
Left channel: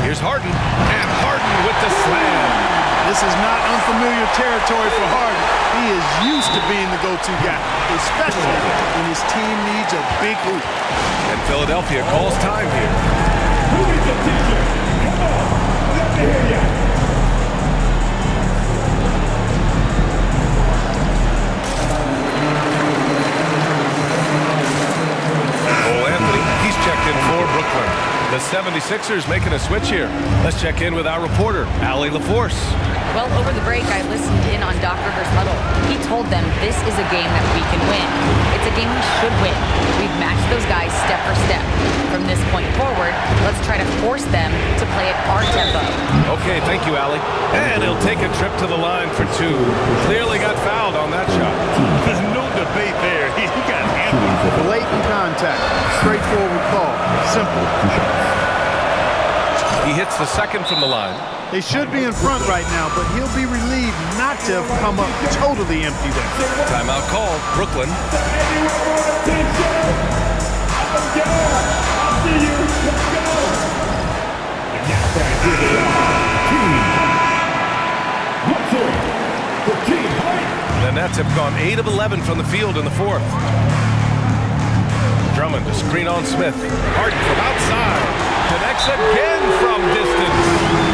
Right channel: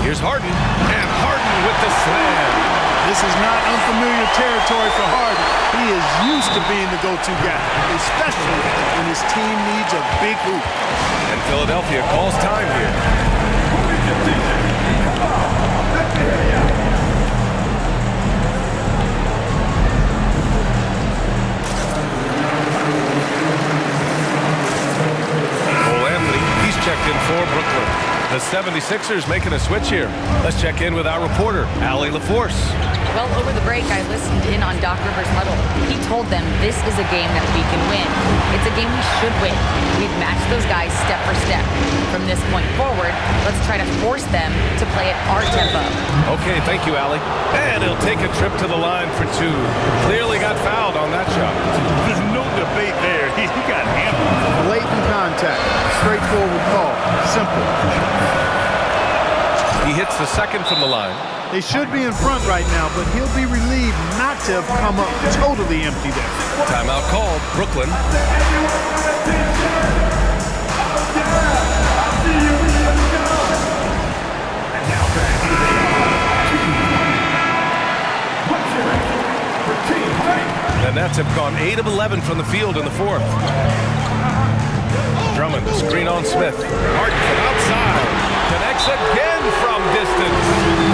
Here's Harden. And Harden with the slam. This is not unfamiliar territory for Harden. He is used to being the go-to guy, especially when his team needs a big hoop. And Philadelphia calls time here. Cole Anthony, he's checked in for Brooklyn. The 76ers making a switch here. Let's check in with our reporter, Allie LaForce. Well, over the break, I listened in on Doc Rivers' huddle. He told them this is a game that we can win. It's a game we should win. We've matched those guys step for step. From this point forward, let's try to force them to play at our tempo. Okay, thank you, Allie. And he'll take a trip to the line for 2. Clearly got fouled on that shot. No debate there. He got hammered. Blatant contact. Straightforward call. Simple. He hits the second from the line. They should be in front right now, but he'll be relieved not to have come up totally empty there. Timeout called. Brooklyn. The Nets have gone 8 of 11 from the field in the 4th. Drummond, the screen on Smith. Harden from outside. Connects again from distance.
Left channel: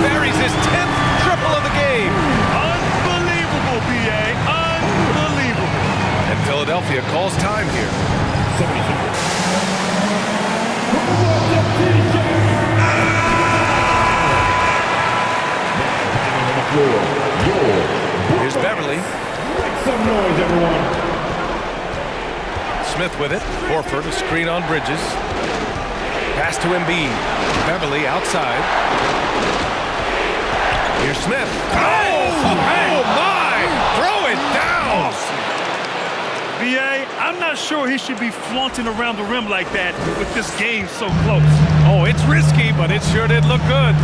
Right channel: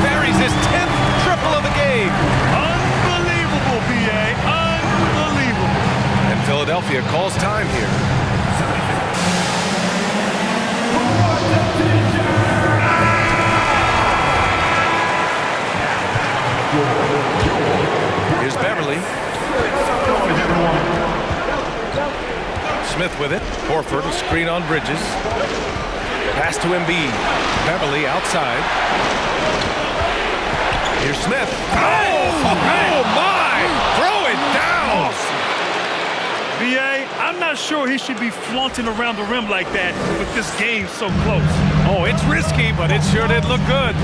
Buries his 10th triple of the game. Unbelievable, B.A. Unbelievable. And Philadelphia calls time here. Here's Beverly. Smith with it. Horford, a screen on Bridges. Pass to Embiid. Beverly outside. Here's Smith. Oh my! Throw it down! B.A., I'm not sure he should be flaunting around the rim like that with this game so close. Oh, it's risky, but it sure did look good.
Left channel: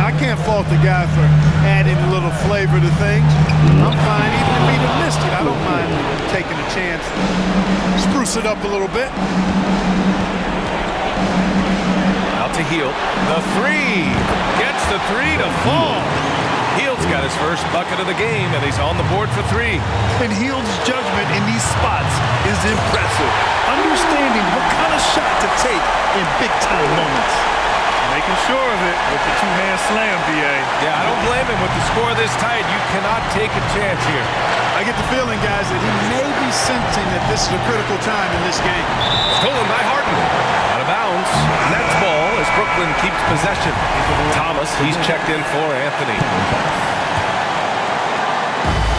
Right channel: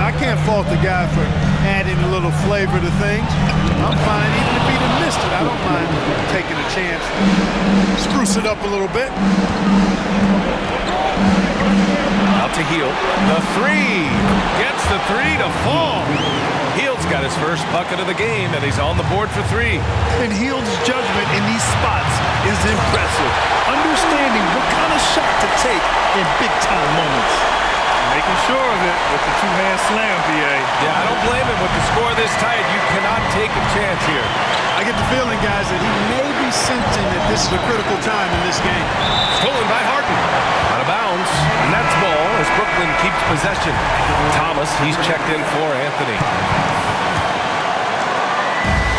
I can't fault the guy for adding a little flavor to things. I'm fine even if he'd have missed it. I don't mind taking a chance to spruce it up a little bit. Out to Hield. The 3. Gets the 3 to fall. Hield's got his first bucket of the game, and he's on the board for 3. And Hield's judgment in these spots is impressive. Understanding what kind of shot to take in big-time moments. Making sure of it with the two-hand slam, B.A. Yeah, I don't blame him. With the score this tight, you cannot take a chance here. I get the feeling, guys, that he may be sensing that this is a critical time in this game. Stolen by Harden. Out of bounds. Nets ball as Brooklyn keeps possession. Thomas, he's checked in for Anthony.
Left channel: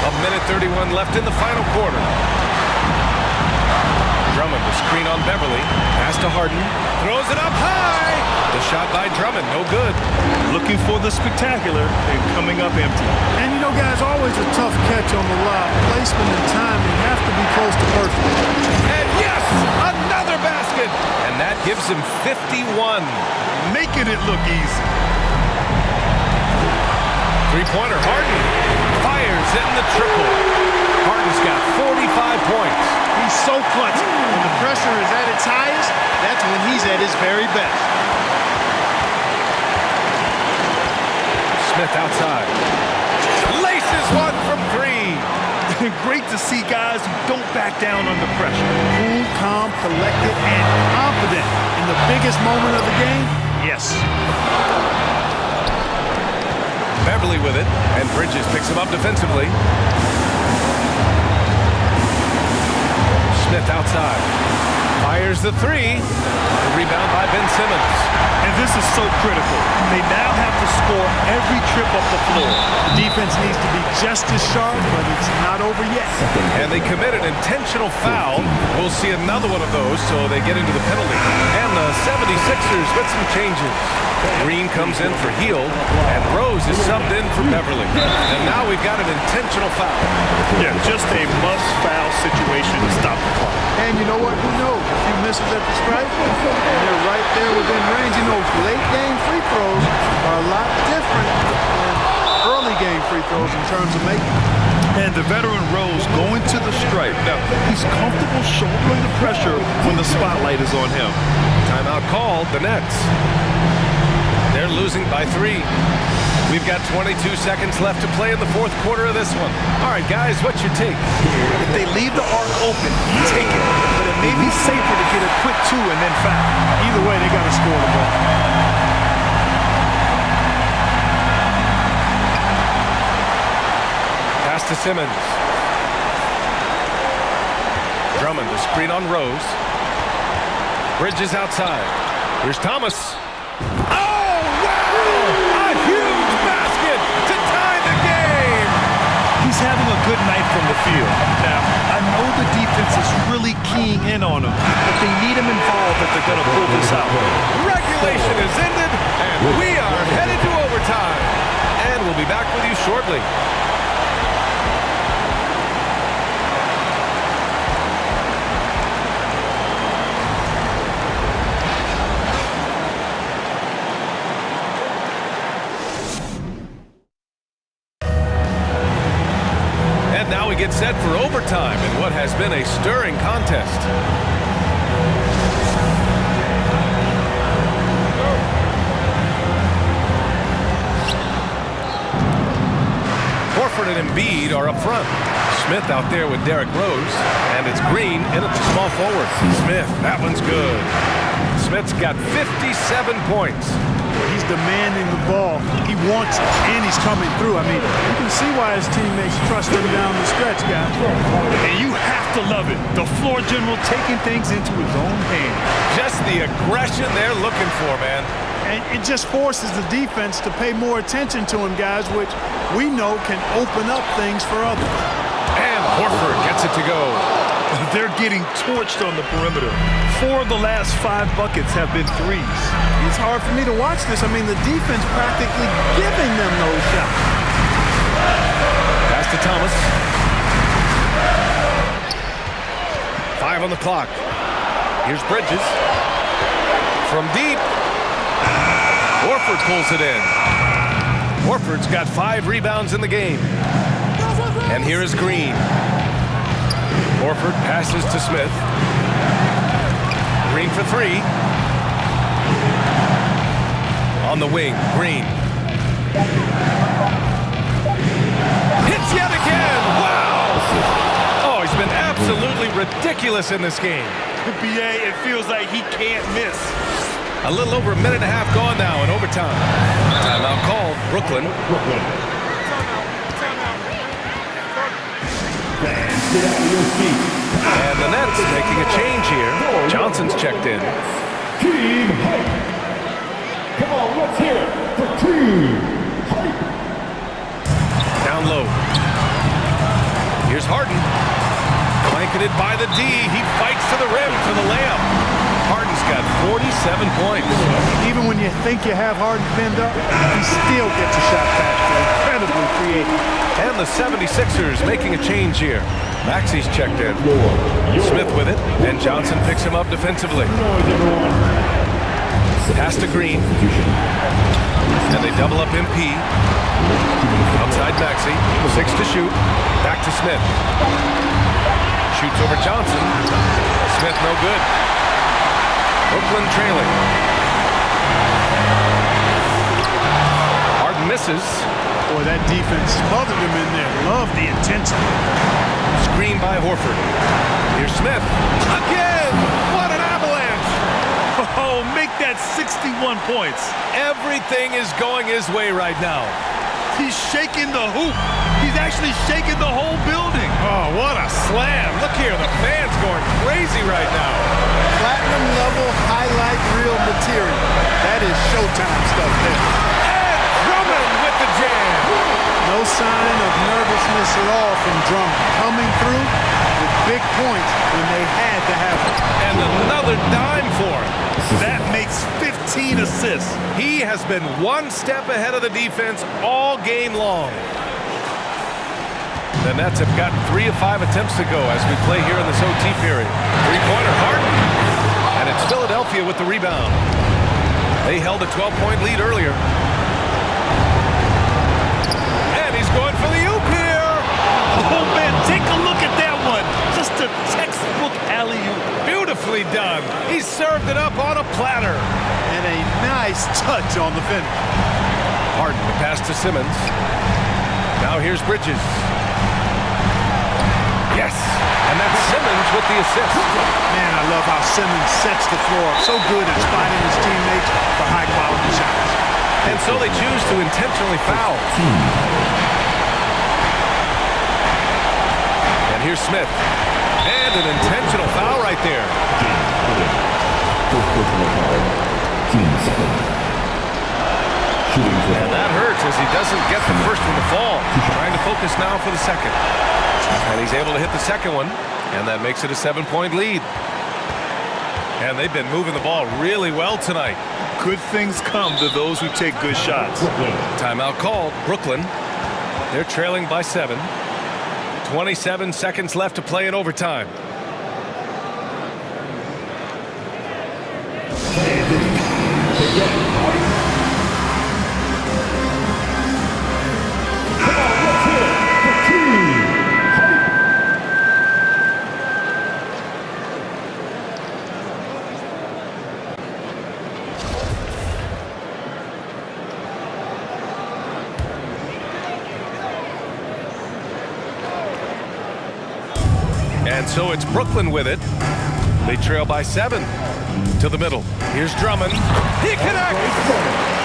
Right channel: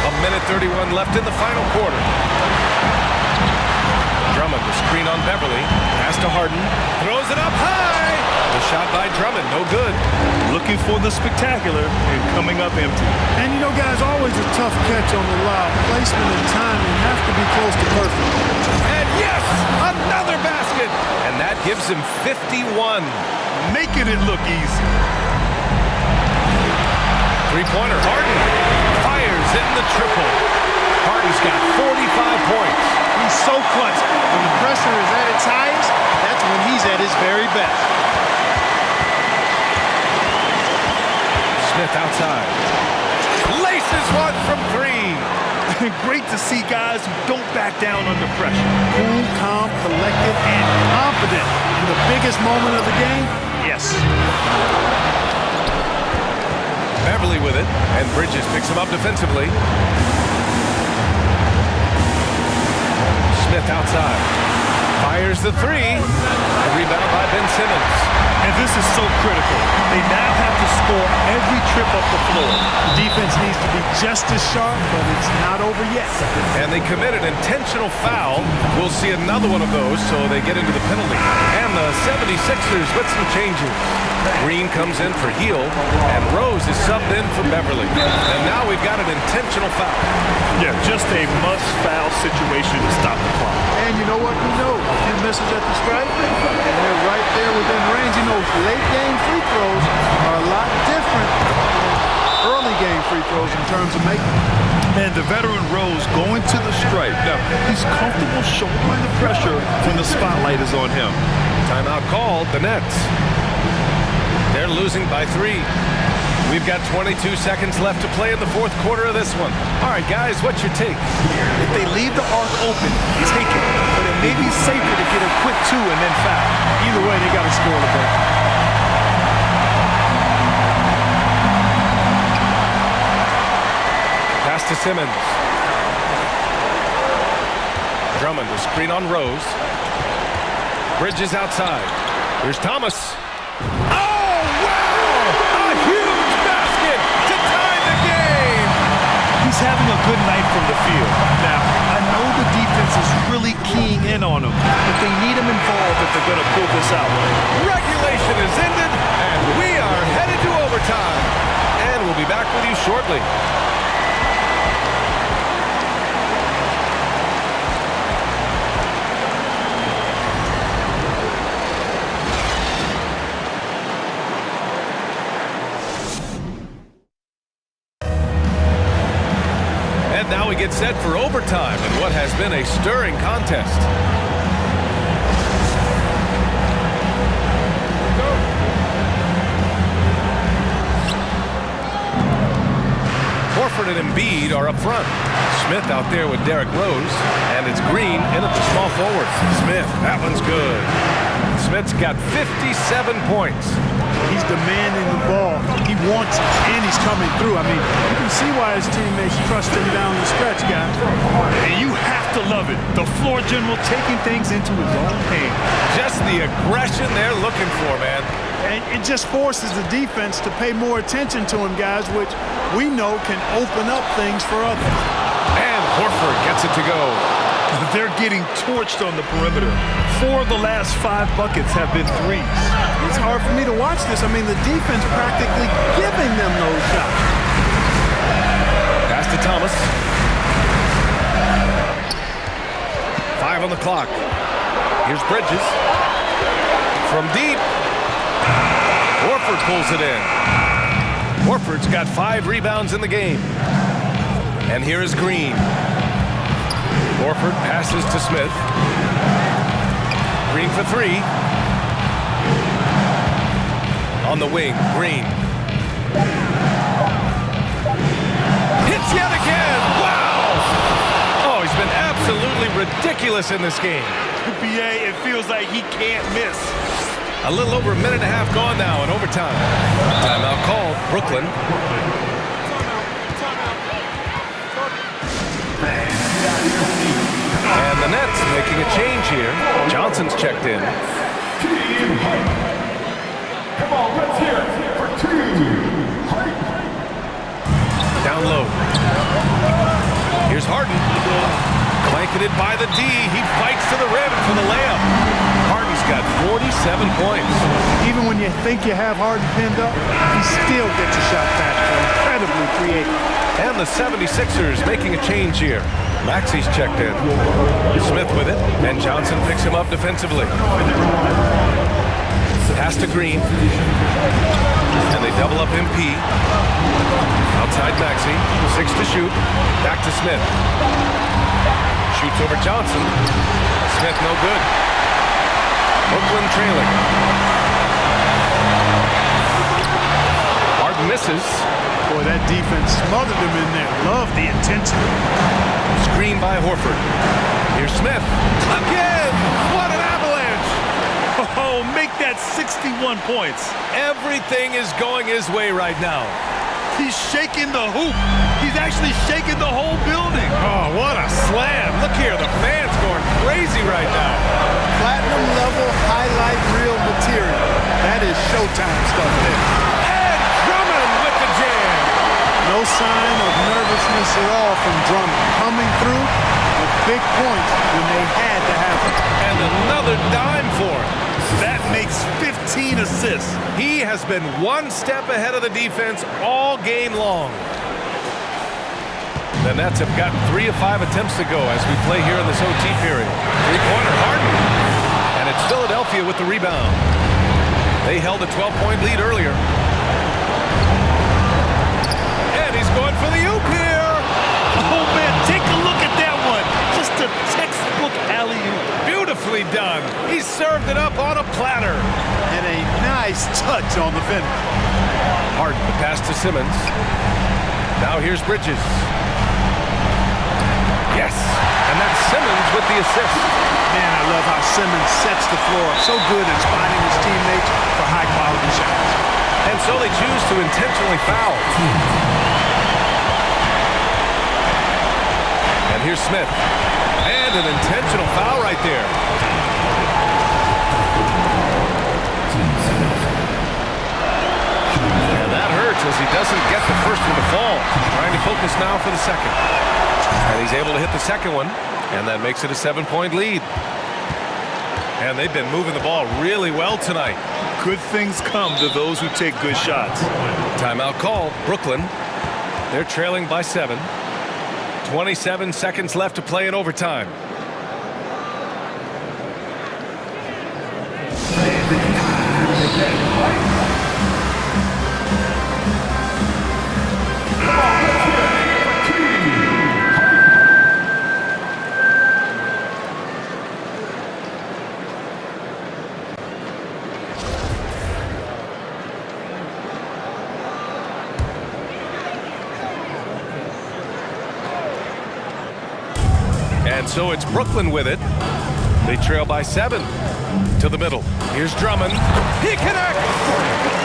A minute 31 left in the final quarter. Drummond, the screen on Beverly. Pass to Harden. Throws it up high. The shot by Drummond, no good. Looking for the spectacular and coming up empty. And you know, guys, always a tough catch on the lob. Placement and timing have to be close to perfect. And yes, another basket. And that gives him 51. Making it look easy. Three-pointer, Harden fires in the triple. Harden's got 45 points. He's so clutch. When the pressure is at its highest, that's when he's at his very best. Smith outside. Laces one from three. Great to see guys who don't back down under pressure. Cool, calm, collected, and confident in the biggest moment of the game. Yes. Beverly with it, and Bridges picks him up defensively. Smith outside. Fires the three. The rebound by Ben Simmons. And this is so critical. They now have to score every trip up the floor. The defense needs to be just as sharp, but it's not over yet. And they commit an intentional foul. We'll see another one of those, so they get into the penalty. And the 76ers with some changes. Green comes in for Hield, and Rose is subbed in for Beverly. And now we've got an intentional foul. Yeah, just a must-foul situation to stop the clock. And you know what? Who knows? A few misses at the stripe, and they're right there within range. You know, late-game free throws are a lot different than early-game free throws in terms of making. And the veteran Rose going to the stripe. Now, he's comfortable shouldering the pressure when the spotlight is on him. Timeout called, the Nets. They're losing by 3. We've got 22 seconds left to play in the fourth quarter of this one. All right, guys, what's your take? If they leave the arc open, take it. But it may be safer to get a quick 2 and then foul. Either way, they got to score the ball. Pass to Simmons. Drummond, the screen on Rose. Bridges outside. Here's Thomas. Oh, wow! A huge basket to tie the game! He's having a good night from the field. Now, I know the defense is really keying in on him, but they need him involved if they're going to pull this out. Regulation is ended, and we are headed to overtime. And we'll be back with you shortly. And now we get set for overtime in what has been a stirring contest. Horford and Embiid are up front. Smith out there with Derrick Rose, and it's Green in at the small forward. Smith, that one's good. Smith's got 57 points. He's demanding the ball. He wants it, and he's coming through. I mean, you can see why his teammates trust him down the stretch, guys. And you have to love it. The floor general taking things into his own hands. Just the aggression they're looking for, man. And it just forces the defense to pay more attention to him, guys, which we know can open up things for others. And Horford gets it to go. They're getting torched on the perimeter. 4 of the last 5 buckets have been threes. It's hard for me to watch this. I mean, the defense practically giving them those shots. Pass to Thomas. 5 on the clock. Here's Bridges. From deep. Horford pulls it in. Horford's got 5 rebounds in the game. And here is Green. Horford passes to Smith. Green for 3. On the wing, Green. Hits yet again! Wow! Oh, he's been absolutely ridiculous in this game. BA, it feels like he can't miss. A little over a minute and a half gone now in overtime. Timeout called, Brooklyn. And the Nets making a change here. Johnson's checked in. Team Hype. Come on, let's hear it for Team Hype. Down low. Here's Harden. Blanketed by the D. He fights to the rim for the layup. Harden's got 47 points. Even when you think you have Harden pinned up, he still gets a shot past you. Incredibly creative. And the 76ers making a change here. Maxi's checked in. Smith with it, and Johnson picks him up defensively. Pass to Green. And they double up MP. Outside Maxey, 6 to shoot. Back to Smith. Shoots over Johnson. Smith no good. Brooklyn trailing. Harden misses. Boy, that defense smothered him in there. Love the intensity. Screen by Horford. Here's Smith. Again! What an avalanche! Oh, make that 61 points. Everything is going his way right now. He's shaking the hoop. He's actually shaking the whole building. Oh, what a slam. Look here, the fans going crazy right now. Platinum level highlight reel material. That is Showtime stuff there. And Drummond with the jam. No sign of nervousness at all from Drummond. Coming through with big points when they had to have it. And another dime for him. That makes 15 assists. He has been one step ahead of the defense all game long. The Nets have gotten 3 of 5 attempts to go as we play here in this OT period. Three-pointer, Harden. And it's Philadelphia with the rebound. They held a 12-point lead earlier. And he's going for the oop here. Oh, man, take a look at that one. Just a textbook alley-oop. Beautifully done. He served it up on a platter. And a nice touch on the finish. Harden, the pass to Simmons. Now here's Bridges. Yes, and that's Simmons with the assist. Man, I love how Simmons sets the floor up. So good at spotting his teammates for high-quality shots. And so they choose to intentionally foul. And here's Smith. And an intentional foul right there. And that hurts as he doesn't get the first one to fall. Trying to focus now for the second. And he's able to hit the second one. And that makes it a 7-point lead. And they've been moving the ball really well tonight. Good things come to those who take good shots. Timeout called. Brooklyn. They're trailing by 7. 27 seconds left to play in overtime. And so it's Brooklyn with it. They trail by 7 to the middle. Here's Drummond. He connects.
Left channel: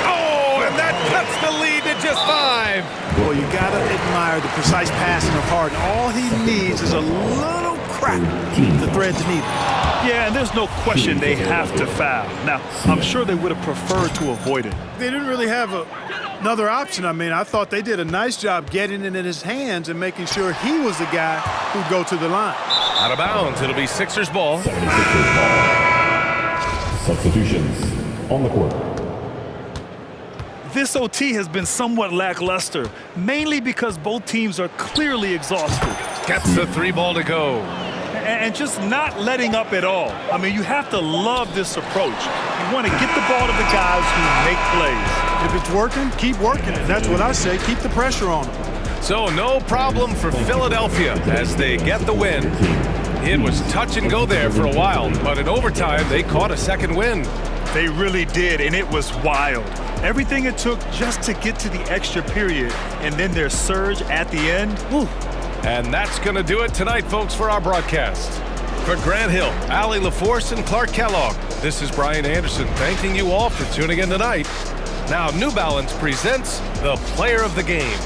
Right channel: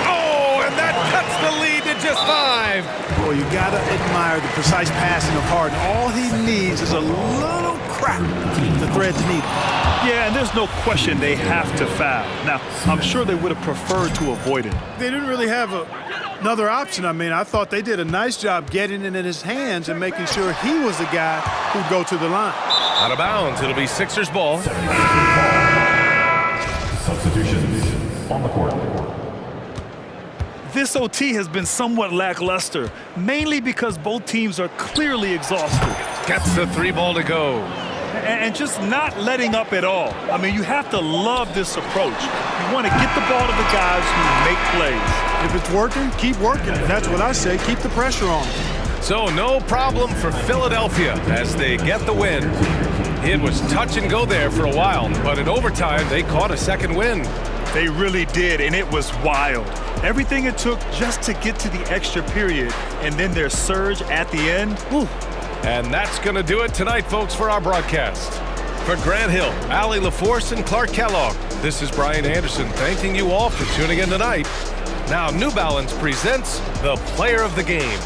Oh, and that cuts the lead to just 5. Boy, you gotta admire the precise passing of Harden. All he needs is a little crack to thread the needle. Yeah, and there's no question they have to foul. Now, I'm sure they would have preferred to avoid it. They didn't really have another option. I mean, I thought they did a nice job getting it in his hands and making sure he was the guy who'd go to the line. Out of bounds. It'll be Sixers ball. Substitutions on the court. This OT has been somewhat lackluster, mainly because both teams are clearly exhausted. Gets the 3 ball to go. And just not letting up at all. I mean, you have to love this approach. You want to get the ball to the guys who make plays. If it's working, keep working it. That's what I say. Keep the pressure on them. So no problem for Philadelphia as they get the win. It was touch and go there for a while, but in overtime, they caught a second win. They really did, and it was wild. Everything it took just to get to the extra period, and then their surge at the end. Whew. And that's going to do it tonight, folks, for our broadcast. For Grant Hill, Allie LaForce, and Clark Kellogg, this is Brian Anderson thanking you all for tuning in tonight. Now, New Balance presents the Player of the Game.